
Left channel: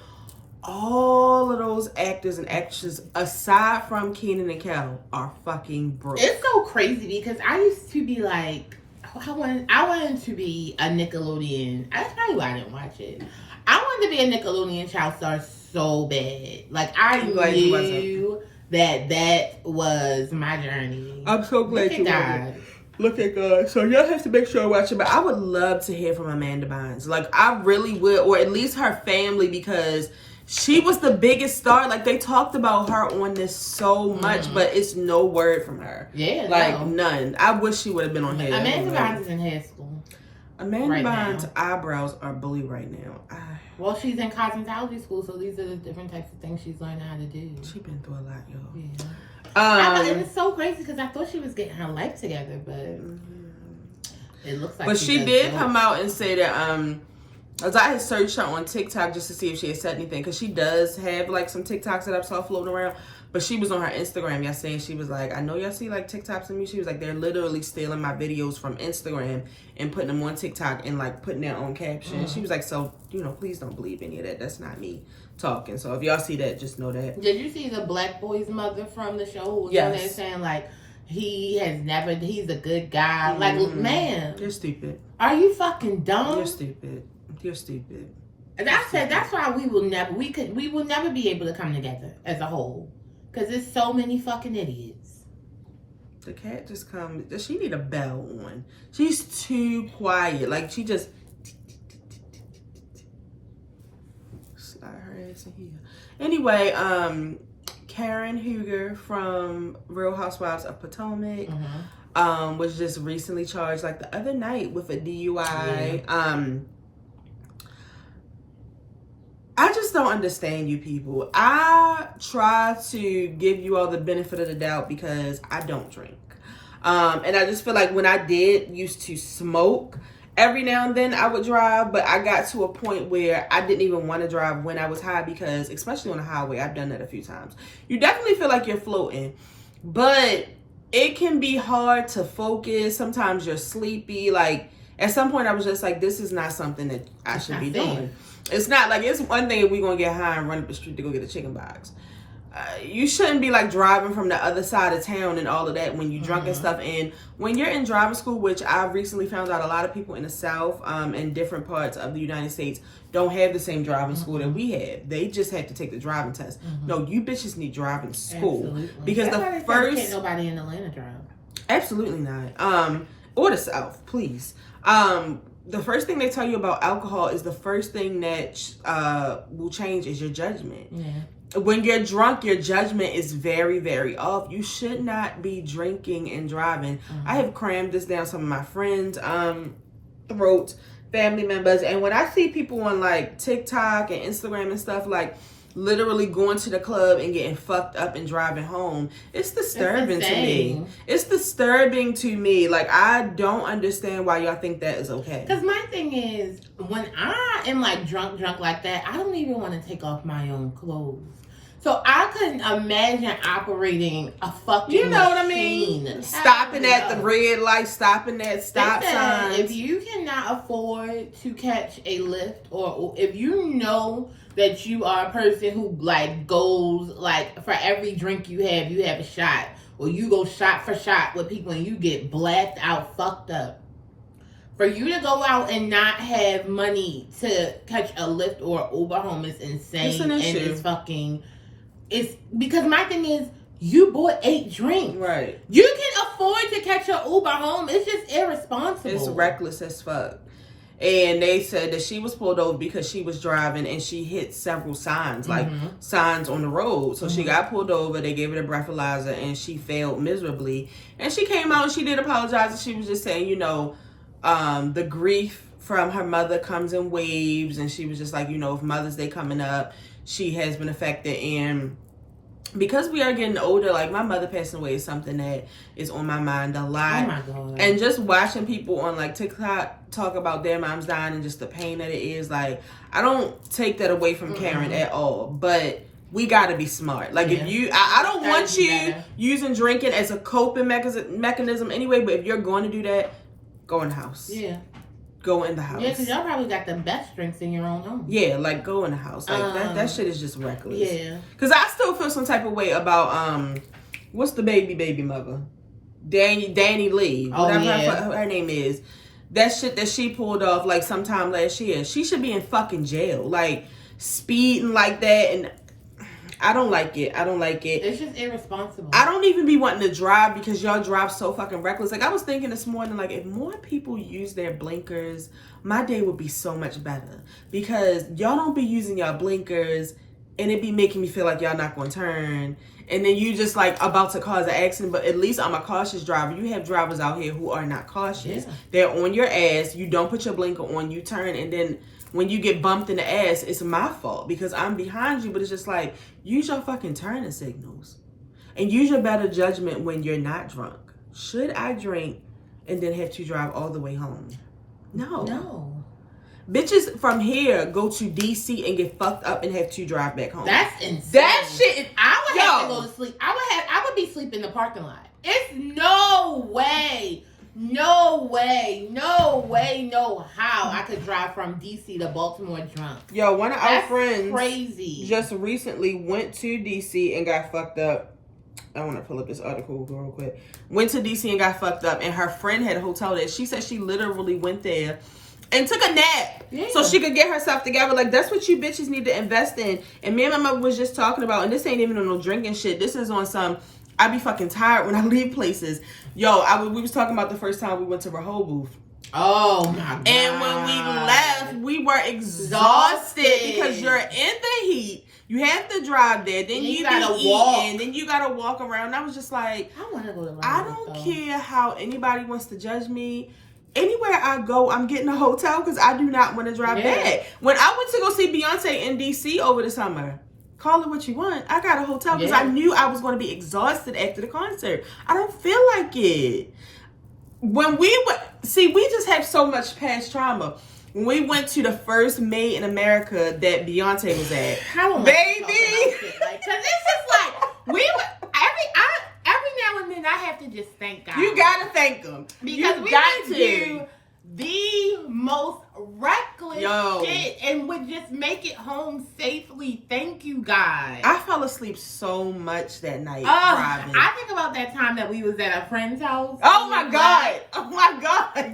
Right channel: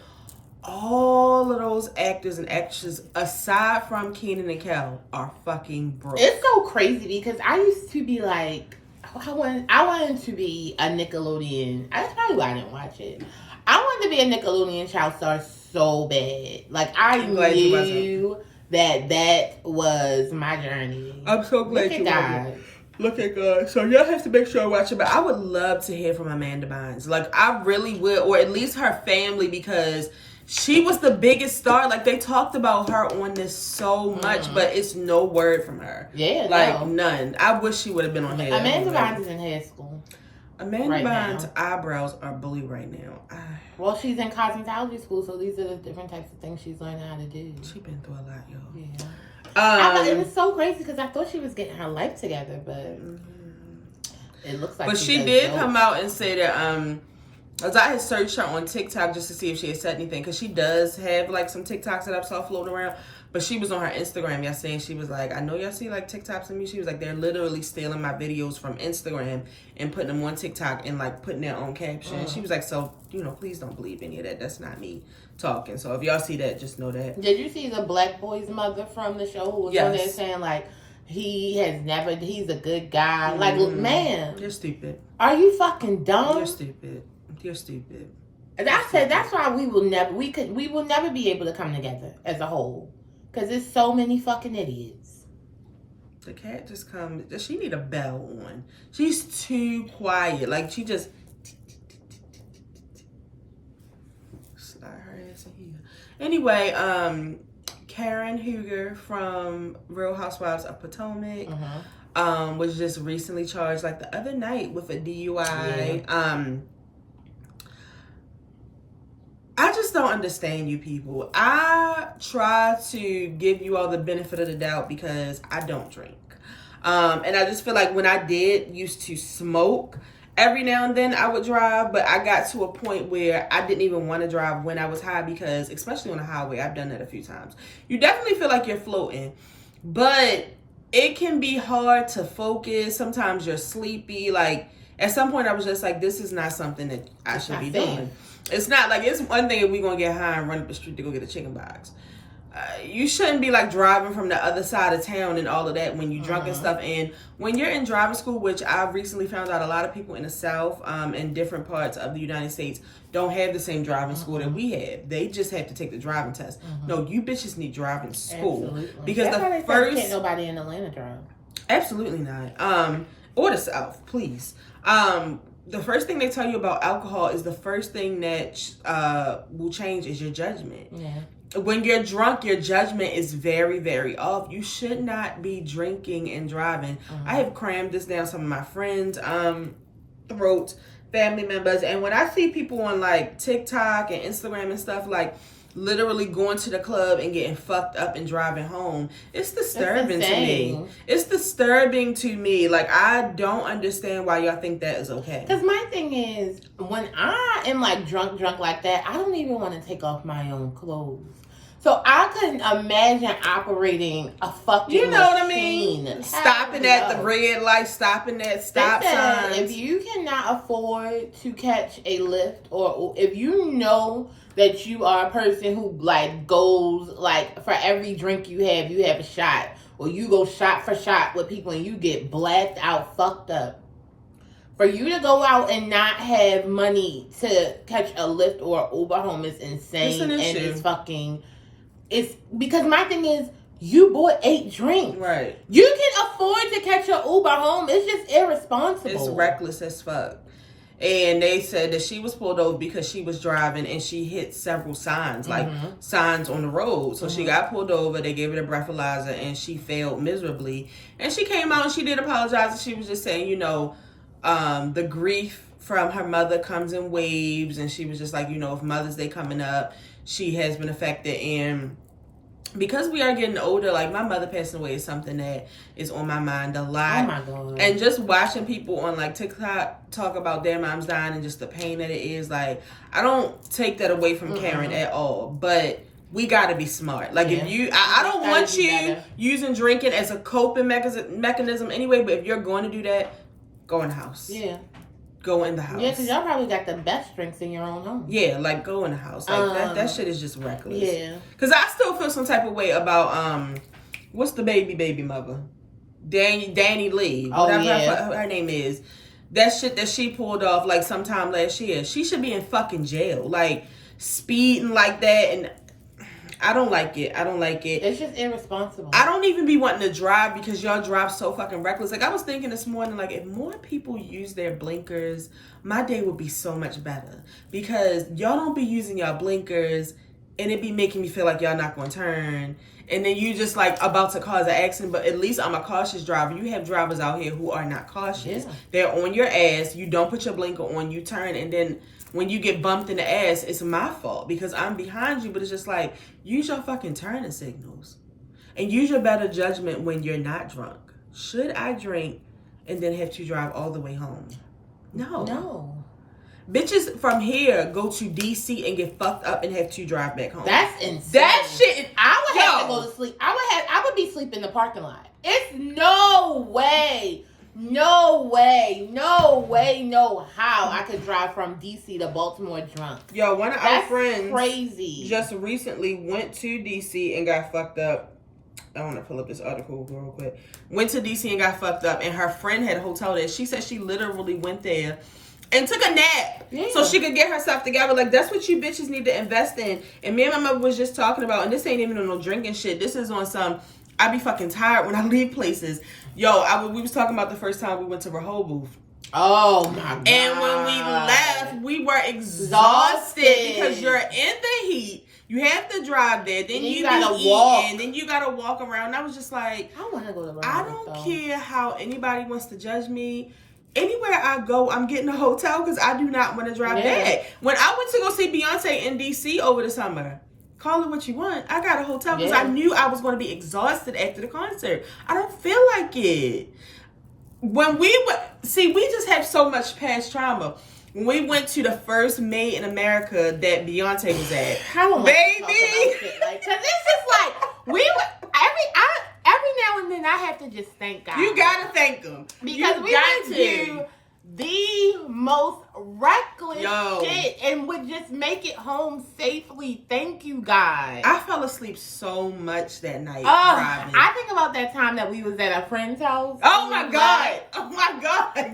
all of those actors and actresses, aside from Kenan and Kel, are fucking broke. It's so crazy because I used to be like, I wanted to be a Nickelodeon. That's probably why I didn't watch it. I wanted to be a Nickelodeon child star so bad. Like I knew that was my journey. I'm so glad you wasn't. Look at God. So y'all have to make sure to watch it. But I would love to hear from Amanda Bynes. Like I really would, or at least her family, because she was the biggest star. Like they talked about her on this so much, but it's no word from her. Yeah, like none. I wish she would have been on here. Amanda Bynes is in hair school. Amanda Bynes' eyebrows are blue right now. Well, she's in cosmetology school, so these are the different types of things she's learning how to do. She's been through a lot, y'all. Yeah. And it's so crazy because I thought she was getting her life together, but it looks like. But she did come out and say that as I had searched her on TikTok just to see if she had said anything, because she does have like some TikToks that I saw floating around. But she was on her Instagram yesterday and she was like, I know y'all see like TikToks of me. She was like, they're literally stealing my videos from Instagram and putting them on TikTok and like putting their own caption. She was like, so, please don't believe any of that. That's not me talking. So if y'all see that, just know that. Did you see the black boy's mother from the show who was on there saying like, he's a good guy. Like, man. You're stupid. Are you fucking dumb? You're stupid. You're stupid. And I said, that's why we will never be able to come together as a whole. Because there's so many fucking idiots. The cat just comes. Does she need a bell on? She's too quiet. Like, she just... slide her ass in here. Anyway, Karen Huger from Real Housewives of Potomac was just recently charged, like, the other night with a DUI. Yeah. I just don't understand you people. I try to give you all the benefit of the doubt because I don't drink. And I just feel like when I used to smoke, every now and then I would drive, but I got to a point where I didn't even want to drive when I was high because, especially on the highway, I've done that a few times. You definitely feel like you're floating, but it can be hard to focus. Sometimes you're sleepy. Like, at some point I was just like, this is not something that I should be doing. It's not like, it's one thing if we're going to get high and run up the street to go get a chicken box. You shouldn't be like driving from the other side of town and all of that when you're drunk and stuff. And when you're in driving school, which I've recently found out a lot of people in the South and different parts of the United States don't have the same driving school that we have. They just have to take the driving test. No, you bitches need driving school. Absolutely. Because that's the first... can't nobody in Atlanta drive. Absolutely not. Or the South, please. The first thing they tell you about alcohol is the first thing that will change is your judgment. Yeah. when you're drunk, your judgment is very, very off. You should not be drinking and driving. I have crammed this down some of my friends' throats, family members, and when I see people on like TikTok and Instagram and stuff, like literally going to the club and getting fucked up and driving home, it's disturbing to me. It's disturbing to me. Like, I don't understand why y'all think that is okay. Because my thing is, when I am like drunk like that, I don't even want to take off my own clothes. So I couldn't imagine operating a fucking You know machine. what I mean? Stopping at the red light, stopping at stop signs. If you cannot afford to catch a lift, or if you know that you are a person who like goes like for every drink you have a shot, or you go shot for shot with people and you get blacked out, fucked up. For you to go out and not have money to catch a lift or Uber home is insane. It's because my thing is, you bought 8 drinks. Right. You can afford to catch your Uber home. It's just irresponsible. It's reckless as fuck. And they said that she was pulled over because she was driving and she hit several signs, like signs on the road. So she got pulled over. They gave her the breathalyzer and she failed miserably. And she came out and she did apologize. And she was just saying, you know, the grief from her mother comes in waves. And she was just like, you know, if Mother's Day coming up, she has been affected. And because we are getting older, like my mother passing away is something that is on my mind a lot. Oh my God. And just watching people on like TikTok talk about their moms dying and just the pain that it is, like, I don't take that away from Karen at all, but we gotta be smart. Like, if you, I don't want you using drinking as a coping mechanism anyway, but if you're going to do that, go in the house. Yeah. Go in the house. Yeah, because y'all probably got the best drinks in your own home. Yeah, like, go in the house. Like, that shit is just reckless. Yeah. Because I still feel some type of way about, what's the baby mother? Danny Lee. Whatever her name is. That shit that she pulled off, like, sometime last year. She should be in fucking jail. Like, speeding like that. And I don't like it. It's just irresponsible. I don't even be wanting to drive because y'all drive so fucking reckless. Like, I was thinking this morning, like, if more people use their blinkers, my day would be so much better. Because y'all don't be using y'all blinkers and it be making me feel like y'all not going to turn. And then you just, like, about to cause an accident. But at least I'm a cautious driver. You have drivers out here who are not cautious. Yeah. They're on your ass. You don't put your blinker on. You turn. And then when you get bumped in the ass, it's my fault because I'm behind you. But it's just like, use your fucking turning signals. And use your better judgment when you're not drunk. Should I drink and then have to drive all the way home? No. Bitches from here go to DC and get fucked up and have to drive back home. That's insane. That shit is, I would have to go to sleep. I would be sleeping in the parking lot. It's no way, no how I could drive from DC to Baltimore drunk. Yo, one of our friends crazy. Just recently went to DC and got fucked up. I want to pull up this article real quick. Went to DC and got fucked up, and her friend had a hotel there. She said she literally went there and took a nap so she could get herself together. Like, that's what you bitches need to invest in. And me and my mother was just talking about, and this ain't even on no drinking shit. This is on some, I be fucking tired when I leave places. Yo, we was talking about the first time we went to Rehoboth. Oh my God. And when we left, we were exhausted because you're in the heat. You have to drive there, then you gotta walk, and then you gotta walk around. And I was just like, I want to go to Rehoboth. I don't care how anybody wants to judge me. Anywhere I go, I'm getting a hotel because I do not want to drive back. When I went to go see Beyonce in DC over the summer, call it what you want, I got a hotel because I knew I was going to be exhausted after the concert. I don't feel like it. When we went, see, we just have so much past trauma. When we went to the first Made in America that Beyonce was at, baby, like, cause it's just like we were every now and then I have to just thank God. You gotta thank him because we went to the most reckless shit and would just make it home safely. Thank you, God. I fell asleep so much that night driving. I think about that time that we was at a friend's house. Oh my God.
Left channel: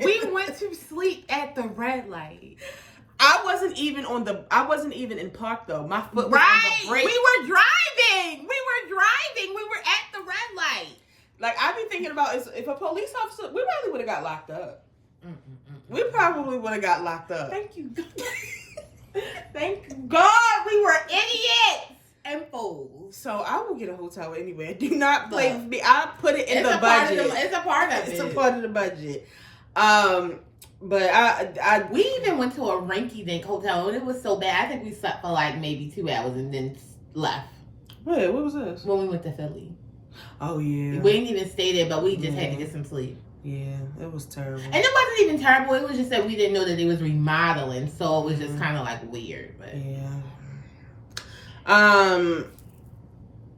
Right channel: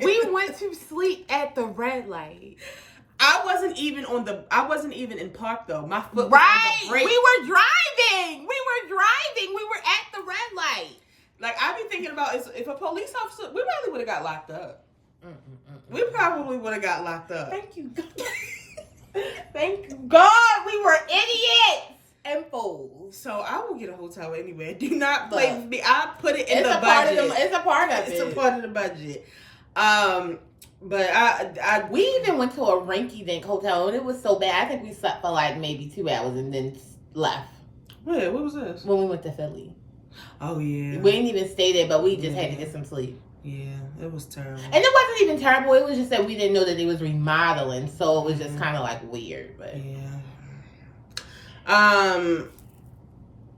We went to sleep at the red light. I wasn't even in park though. My foot was on the brake. We were driving. We were at the red light. Like, I be thinking about if a police officer, we probably would have got locked up. We probably would have got locked up. Thank you. Thank you, God. We were idiots. and fools. So I will get a hotel anywhere. Do not play with me. I put it in the budget. It's a part of it. It's a part of the budget. But we even went to a rinky-dink hotel and it was so bad. I think we slept for like maybe 2 hours and then left. Wait, what was this? When we went to Philly. Oh yeah. We didn't even stay there, but we just had to get some sleep. Yeah, it was terrible. And it wasn't even terrible. It was just that we didn't know that it was remodeling, so it was just kind of like weird. But yeah.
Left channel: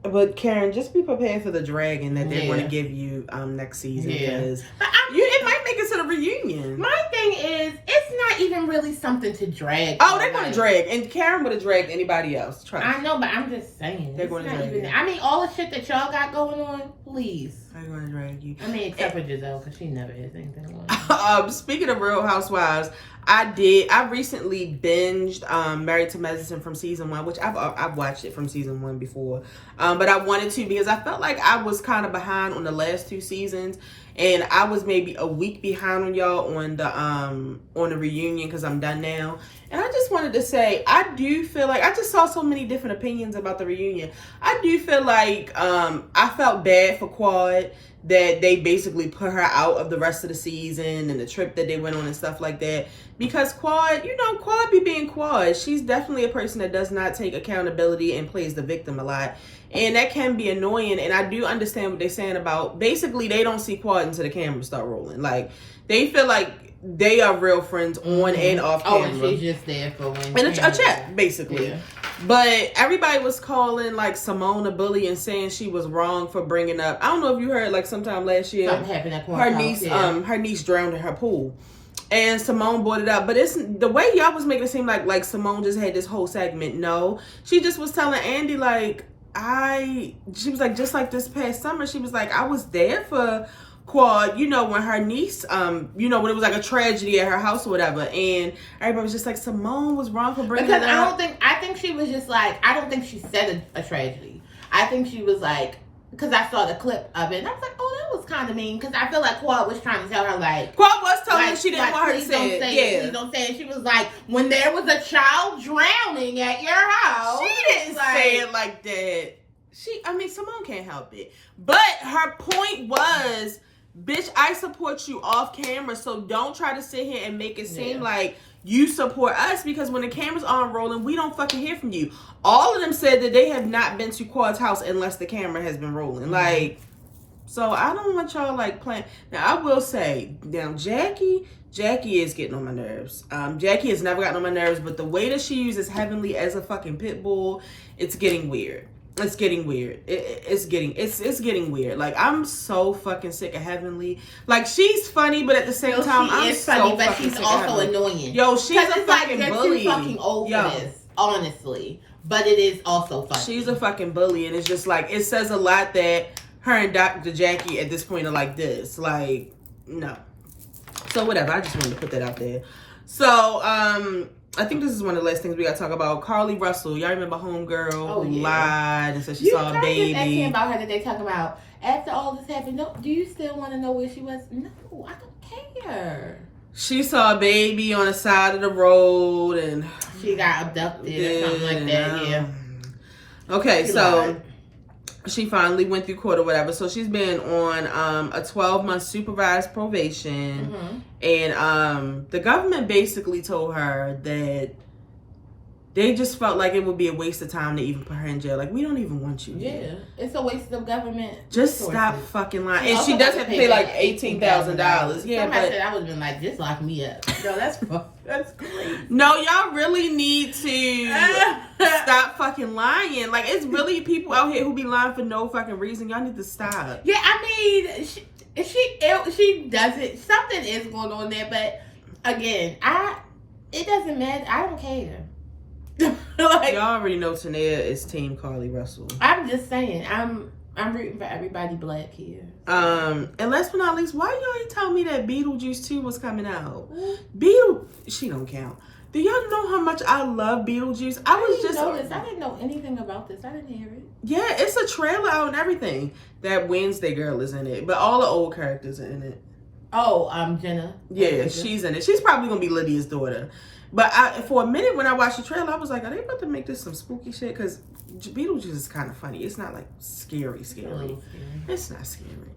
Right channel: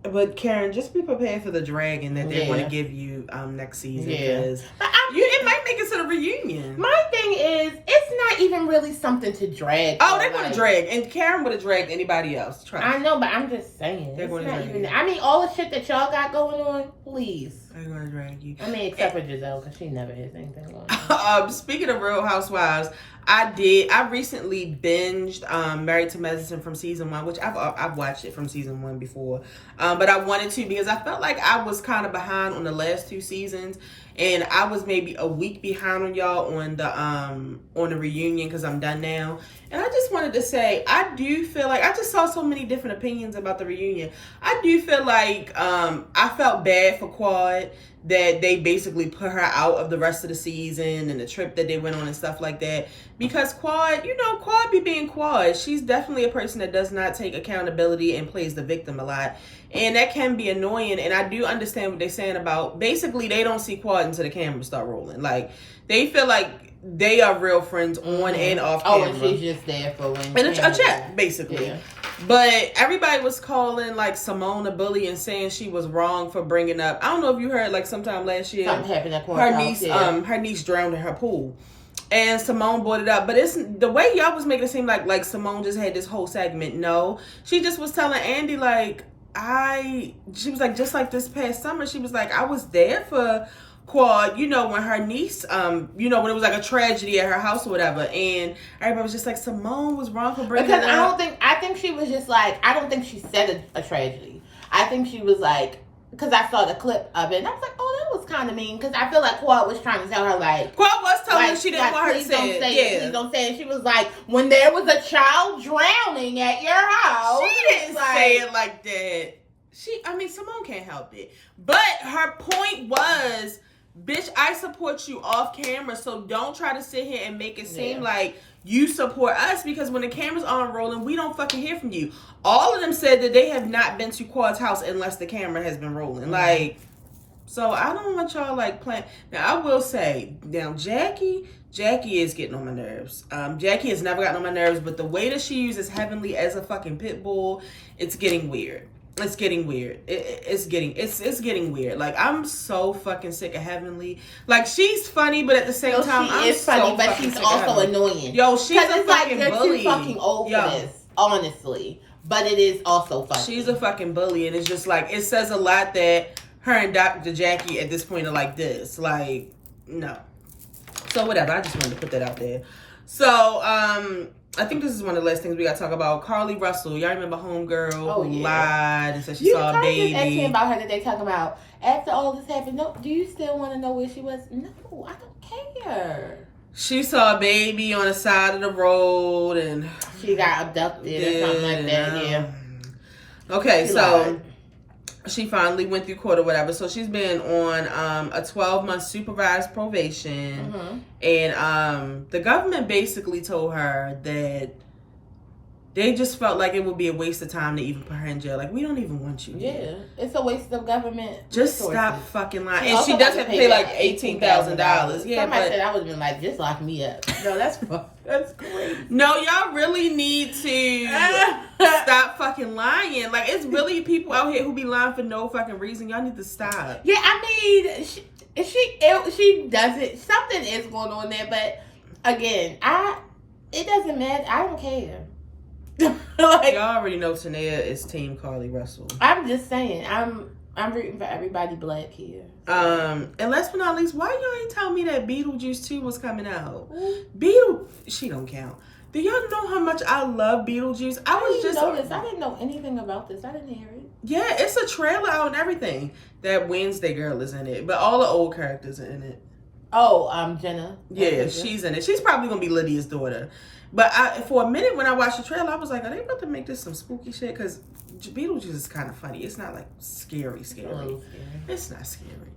But Karen, just be prepared for the dragon that they're going to give you next season because it might make it to the reunion. My thing is, it's not even really something to drag. Oh, they're going to drag, and Karen would have dragged anybody else. I know, but I'm just saying they're going to drag you. I mean, all the shit that y'all got going on, please. They're going to drag you. I mean, except for Giselle, because she never has anything going on. Speaking of Real Housewives, I recently binged Married to Medicine from season 1, which I've watched it from season 1 before, but I wanted to because I felt like I was kind of behind on the last 2 seasons, and I was maybe a week behind on y'all on the reunion because I'm done now. And I just wanted to say, I do feel like I just saw so many different opinions about the reunion. I do feel like I felt bad for Quad that they basically put her out of the rest of the season and the trip that they went on and stuff like that. Because Quad be being Quad. She's definitely a person that does not take accountability and plays the victim a lot. And that can be annoying. And I do understand what they're saying about, basically, they don't see Quad until the cameras start rolling. Like, they feel like they are real friends on and off camera. Oh, and she's just there for when. And a chat, basically. Yeah. But everybody was calling like Simone a bully and saying she was wrong for bringing up. I don't know if you heard like sometime last year. Something happened at her niece drowned in her pool, and Simone brought it up. But it's the way y'all was making it seem like Simone just had this whole segment. No, she just was telling Andy like she was like, just like this past summer, she was like, I was there for Quad, when her niece, when it was like a tragedy at her house or whatever, and everybody was just like, Simone was wrong for bringing it up. I think she was just like, I don't think she said a tragedy. I think she was like, because I saw the clip of it, and I was like, oh, that was kind of mean, because I feel like Quad was trying to tell her, like... Quad was telling her she didn't want her to say it. Please don't say it. She was like, when there was a child drowning at your house... She didn't say it like that. Simone can't help it. But her point was... Bitch, I support you off camera, so don't try to sit here and make it seem like you support us, because when the cameras aren't rolling, we don't fucking hear from you. All of them said that they have not been to Quad's house unless the camera has been rolling. Like, so I don't want y'all like playing. Now, I will say, Jackie is getting on my nerves. Jackie has never gotten on my nerves, but the way that she uses Heavenly as a fucking pit bull, it's getting weird. It's getting weird. It's getting weird. Like, I'm so fucking sick of Heavenly. Like, she's funny, but at the same time, I'm so funny, but fucking she's sick also of Heavenly. annoying. Yo, she's a fucking bully. You're too fucking old for this, honestly. But it is also funny. She's a fucking bully, and it's just like, it says a lot that her and Dr. Jackie at this point are like this. Like, no. So whatever. I just wanted to put that out there. So, I think this is one of the last things we got to talk about. Carly Russell. Y'all remember Homegirl who lied and said she saw a baby? You about her today talking about, after all this happened, no, do you still want to know where she was? No, I don't care. She saw a baby on the side of the road and... She got abducted or something like that, Okay, so... She finally went through court or whatever. So she's been on a 12-month supervised probation. And the government basically told her that they just felt like it would be a waste of time to even put her in jail. Like, we don't even want you here. Yeah, it's a waste of government Just resources. Stop fucking lying. And she does have to pay like $18,000. Yeah, but I would have been like, just lock me up. No, that's crazy. No, y'all really need to stop fucking lying. Like, it's really people out here who be lying for no fucking reason. Y'all need to stop. Yeah, I mean, she doesn't. Something is going on there, but again, it doesn't matter. I don't care. Like, y'all already know Tanea is team Carly Russell. I'm just saying, I'm rooting for everybody black here. And last but not least, why y'all ain't tell me that Beetlejuice 2 was coming out? She don't count. Do y'all know how much I love Beetlejuice? I didn't know anything about this. I didn't hear it. Yeah, it's a trailer out and everything. That Wednesday girl is in it, but all the old characters are in it. Oh, Jenna. Yeah, she's in it. She's probably gonna be Lydia's daughter. But for a minute when I watched the trailer, I was like, are they about to make this some spooky shit? Because Beetlejuice is kind of funny. It's not like scary. It's not scary.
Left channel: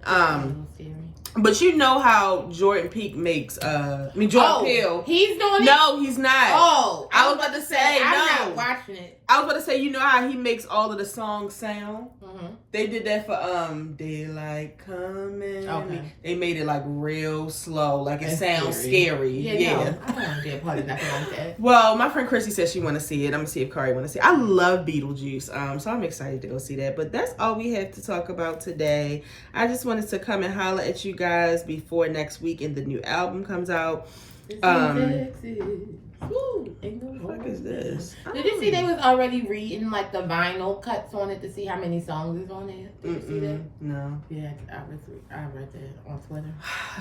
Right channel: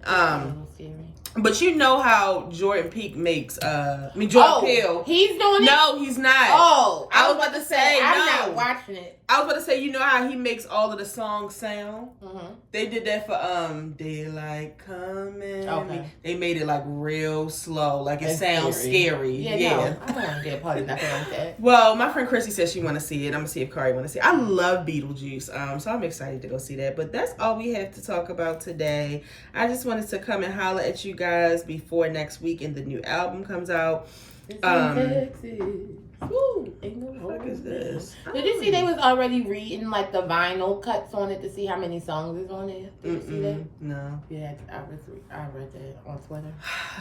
But you know how Jordan Peele makes, Jordan Peele. He's doing it? No, he's not. Oh, I was about to say, I'm not watching it. I was about to say, you know how he makes all of the songs sound? Mm-hmm. They did that for, Daylight Coming. Okay. They made it like real slow, like it sounds scary. Yeah. No, I don't get a part of nothing like that. Well, my friend Chrissy said she want to see it. I'm going to see if Kari want to see it. I love Beetlejuice, so I'm excited to go see that. But that's all we have to talk about today. I just wanted to come and holler at you guys before next week and the new album comes out. Ooh, what the fuck is this? Did you see they was already reading like the vinyl cuts on it to see how many songs is on there? Did you see that? No. Yeah, I read that on Twitter.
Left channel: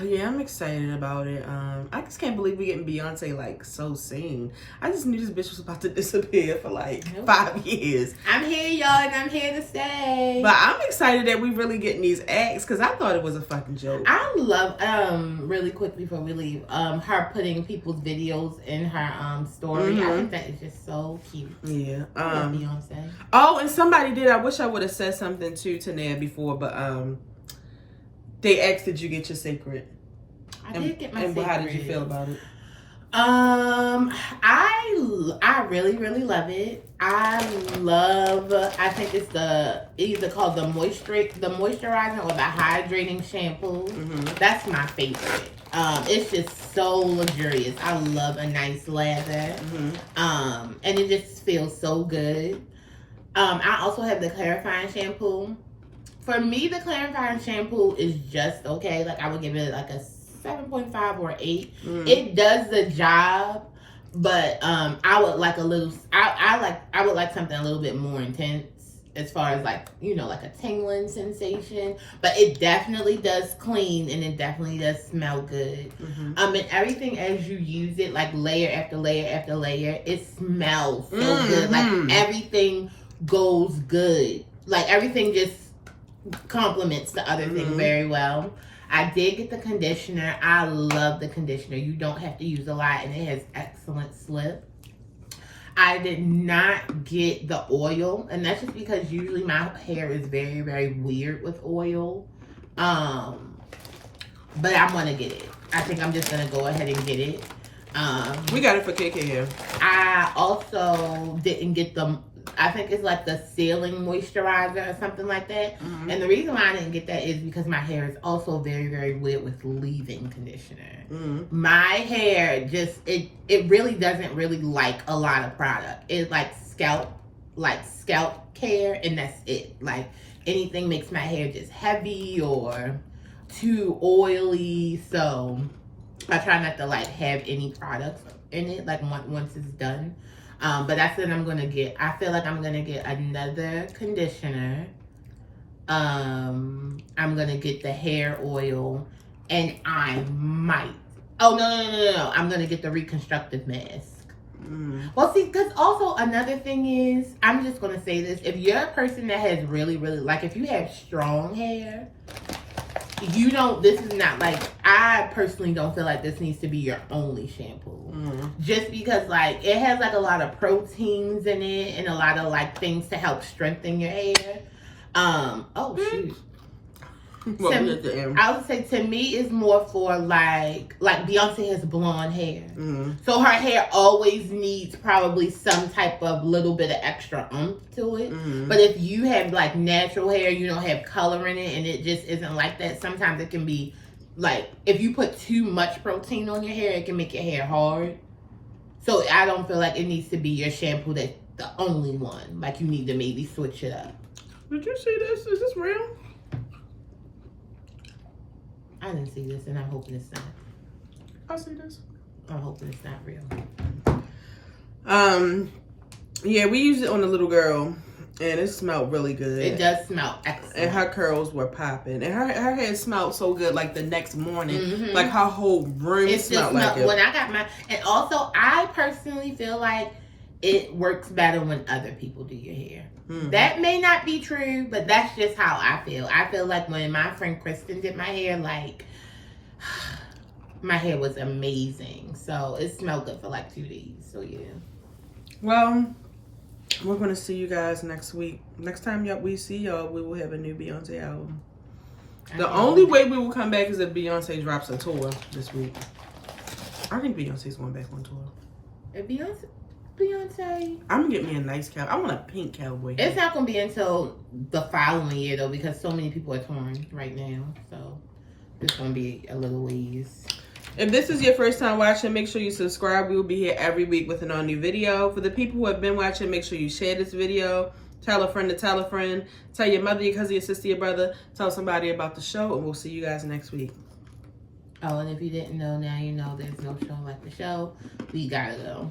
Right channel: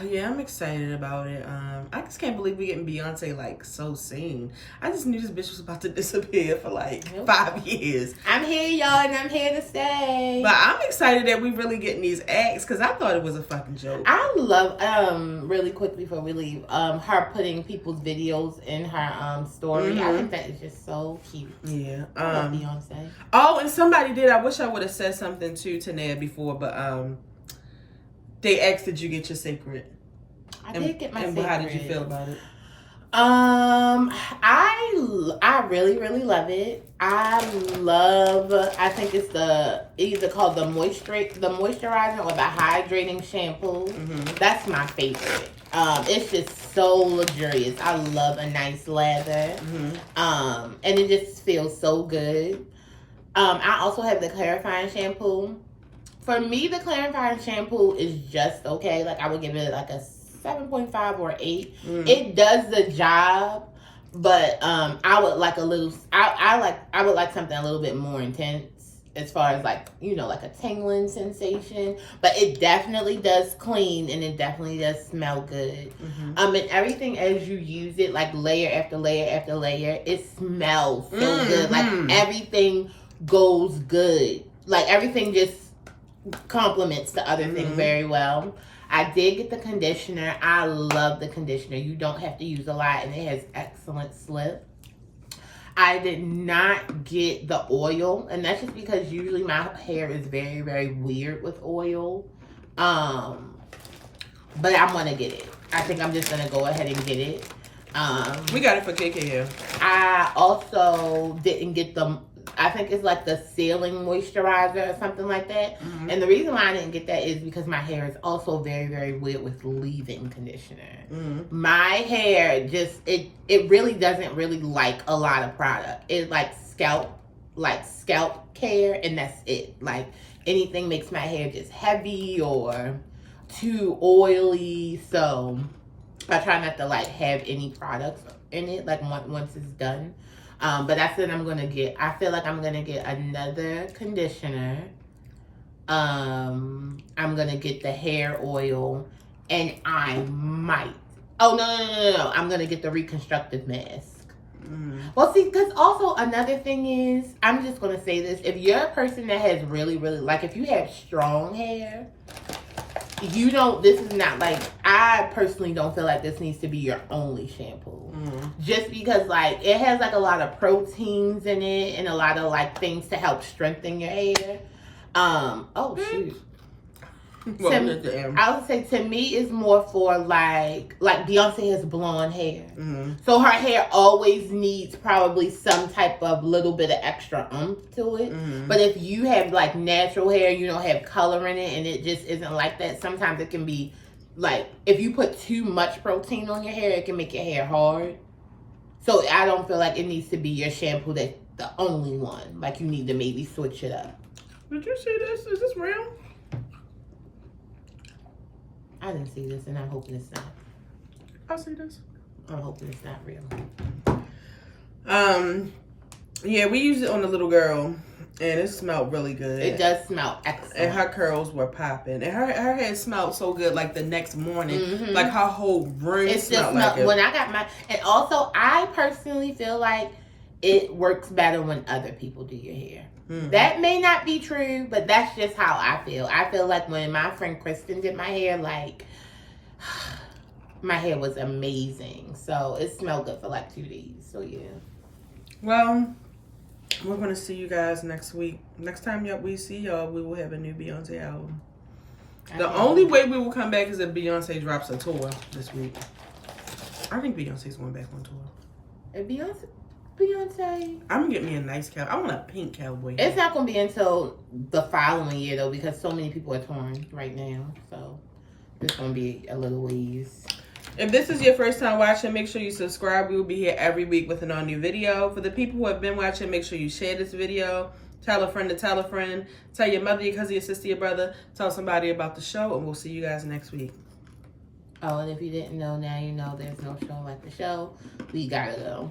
Yeah, I'm excited about it. I just can't believe we getting Beyonce like so soon. I just knew this bitch was about to disappear for like 5 years. I'm here, y'all, and I'm here to stay. But I'm excited that we really getting these acts because I thought it was a fucking joke. I love really quick before we leave, her putting people's videos in her story. I think that is just so cute. Yeah. Beyonce. Oh, and somebody did. I wish I would have said something to Tanea before, but they asked, "Did you get your Cécred?" I did get my Cécred. And how did you feel about it? I really, really love it. I think it's either called the moisturizer or the hydrating shampoo. That's my favorite. It's just so luxurious. I love a nice lather. And it just feels so good. I also have the clarifying shampoo. For me, the clarifying shampoo is just okay. Like I would give it like a 7.5 or 8. It does the job, but I would like I would like something a little bit more intense as far as like, you know, like a tingling sensation. But it definitely does clean and it definitely does smell good. And everything as you use it, like layer after layer after layer, it smells so good. Like everything goes good. Like everything just complements the other thing very well. I did get the conditioner. I love the conditioner. You don't have to use a lot, and it has excellent slip. I did not get the oil, and that's just because usually my hair is very, very weird with oil. But I'm gonna get it. I think I'm just gonna go ahead and get it. We got it for KK here. I also didn't get I think it's like the sealing moisturizer or something like that. And the reason why I didn't get that is because my hair is also very, very weird with leave-in conditioner. My hair just, it really doesn't really like a lot of product. It like scalp care, and that's it. Like anything makes my hair just heavy or too oily. So I try not to like have any products in it like once it's done. But that's what I'm gonna get. I feel like I'm gonna get another conditioner. I'm gonna get the hair oil, and I might. Oh no! I'm gonna get the reconstructive mask. Well, see, because also another thing is, I'm just gonna say this: if you're a person that has really, really like, if you have strong hair, you don't. This is not like, I personally don't feel like this needs to be your only shampoo. Just because like it has like a lot of proteins in it and a lot of like things to help strengthen your hair. Oh shoot. I would say to me it's more for like Beyonce has blonde hair. So her hair always needs probably some type of little bit of extra oomph to it. But if you have like natural hair, you don't have color in it and it just isn't like that, sometimes it can be like, if you put too much protein on your hair, it can make your hair hard. So I don't feel like it needs to be your shampoo that's the only one. Like you need to maybe switch it up. Did you see this? Is this real? I didn't see this, and I'm hoping it's not. I see this. I'm hoping it's not real. Yeah, we used it on the little girl, and it smelled really good. It does smell excellent. And her curls were popping, and her hair smelled so good. Like the next morning, like her whole room smelled like it. When I got my, and also I personally feel like it works better when other people do your hair. That may not be true, but that's just how I feel. I feel like when my friend Kristen did my hair, like my hair was amazing. So it smelled good for like 2 days. So yeah. Well, we're gonna see you guys next week. Next time we see y'all, we will have a new Beyonce album. The only way we will come back is if Beyonce drops a tour this week. I think Beyonce's going back on tour. If Beyonce, I'm gonna get me a nice cowboy. I want a pink cowboy. It's not gonna be until the following year though, because so many people are touring right now. So it's gonna be a little ways. If this is your first time watching, make sure you subscribe. We will be here every week with an all new video. For the people who have been watching, make sure you share this video. Tell a friend to tell a friend. Tell your mother, your cousin, your sister, your brother. Tell somebody about the show, and we'll see you guys next week. Oh, and if you didn't know, now you know there's no show like the show. We gotta go.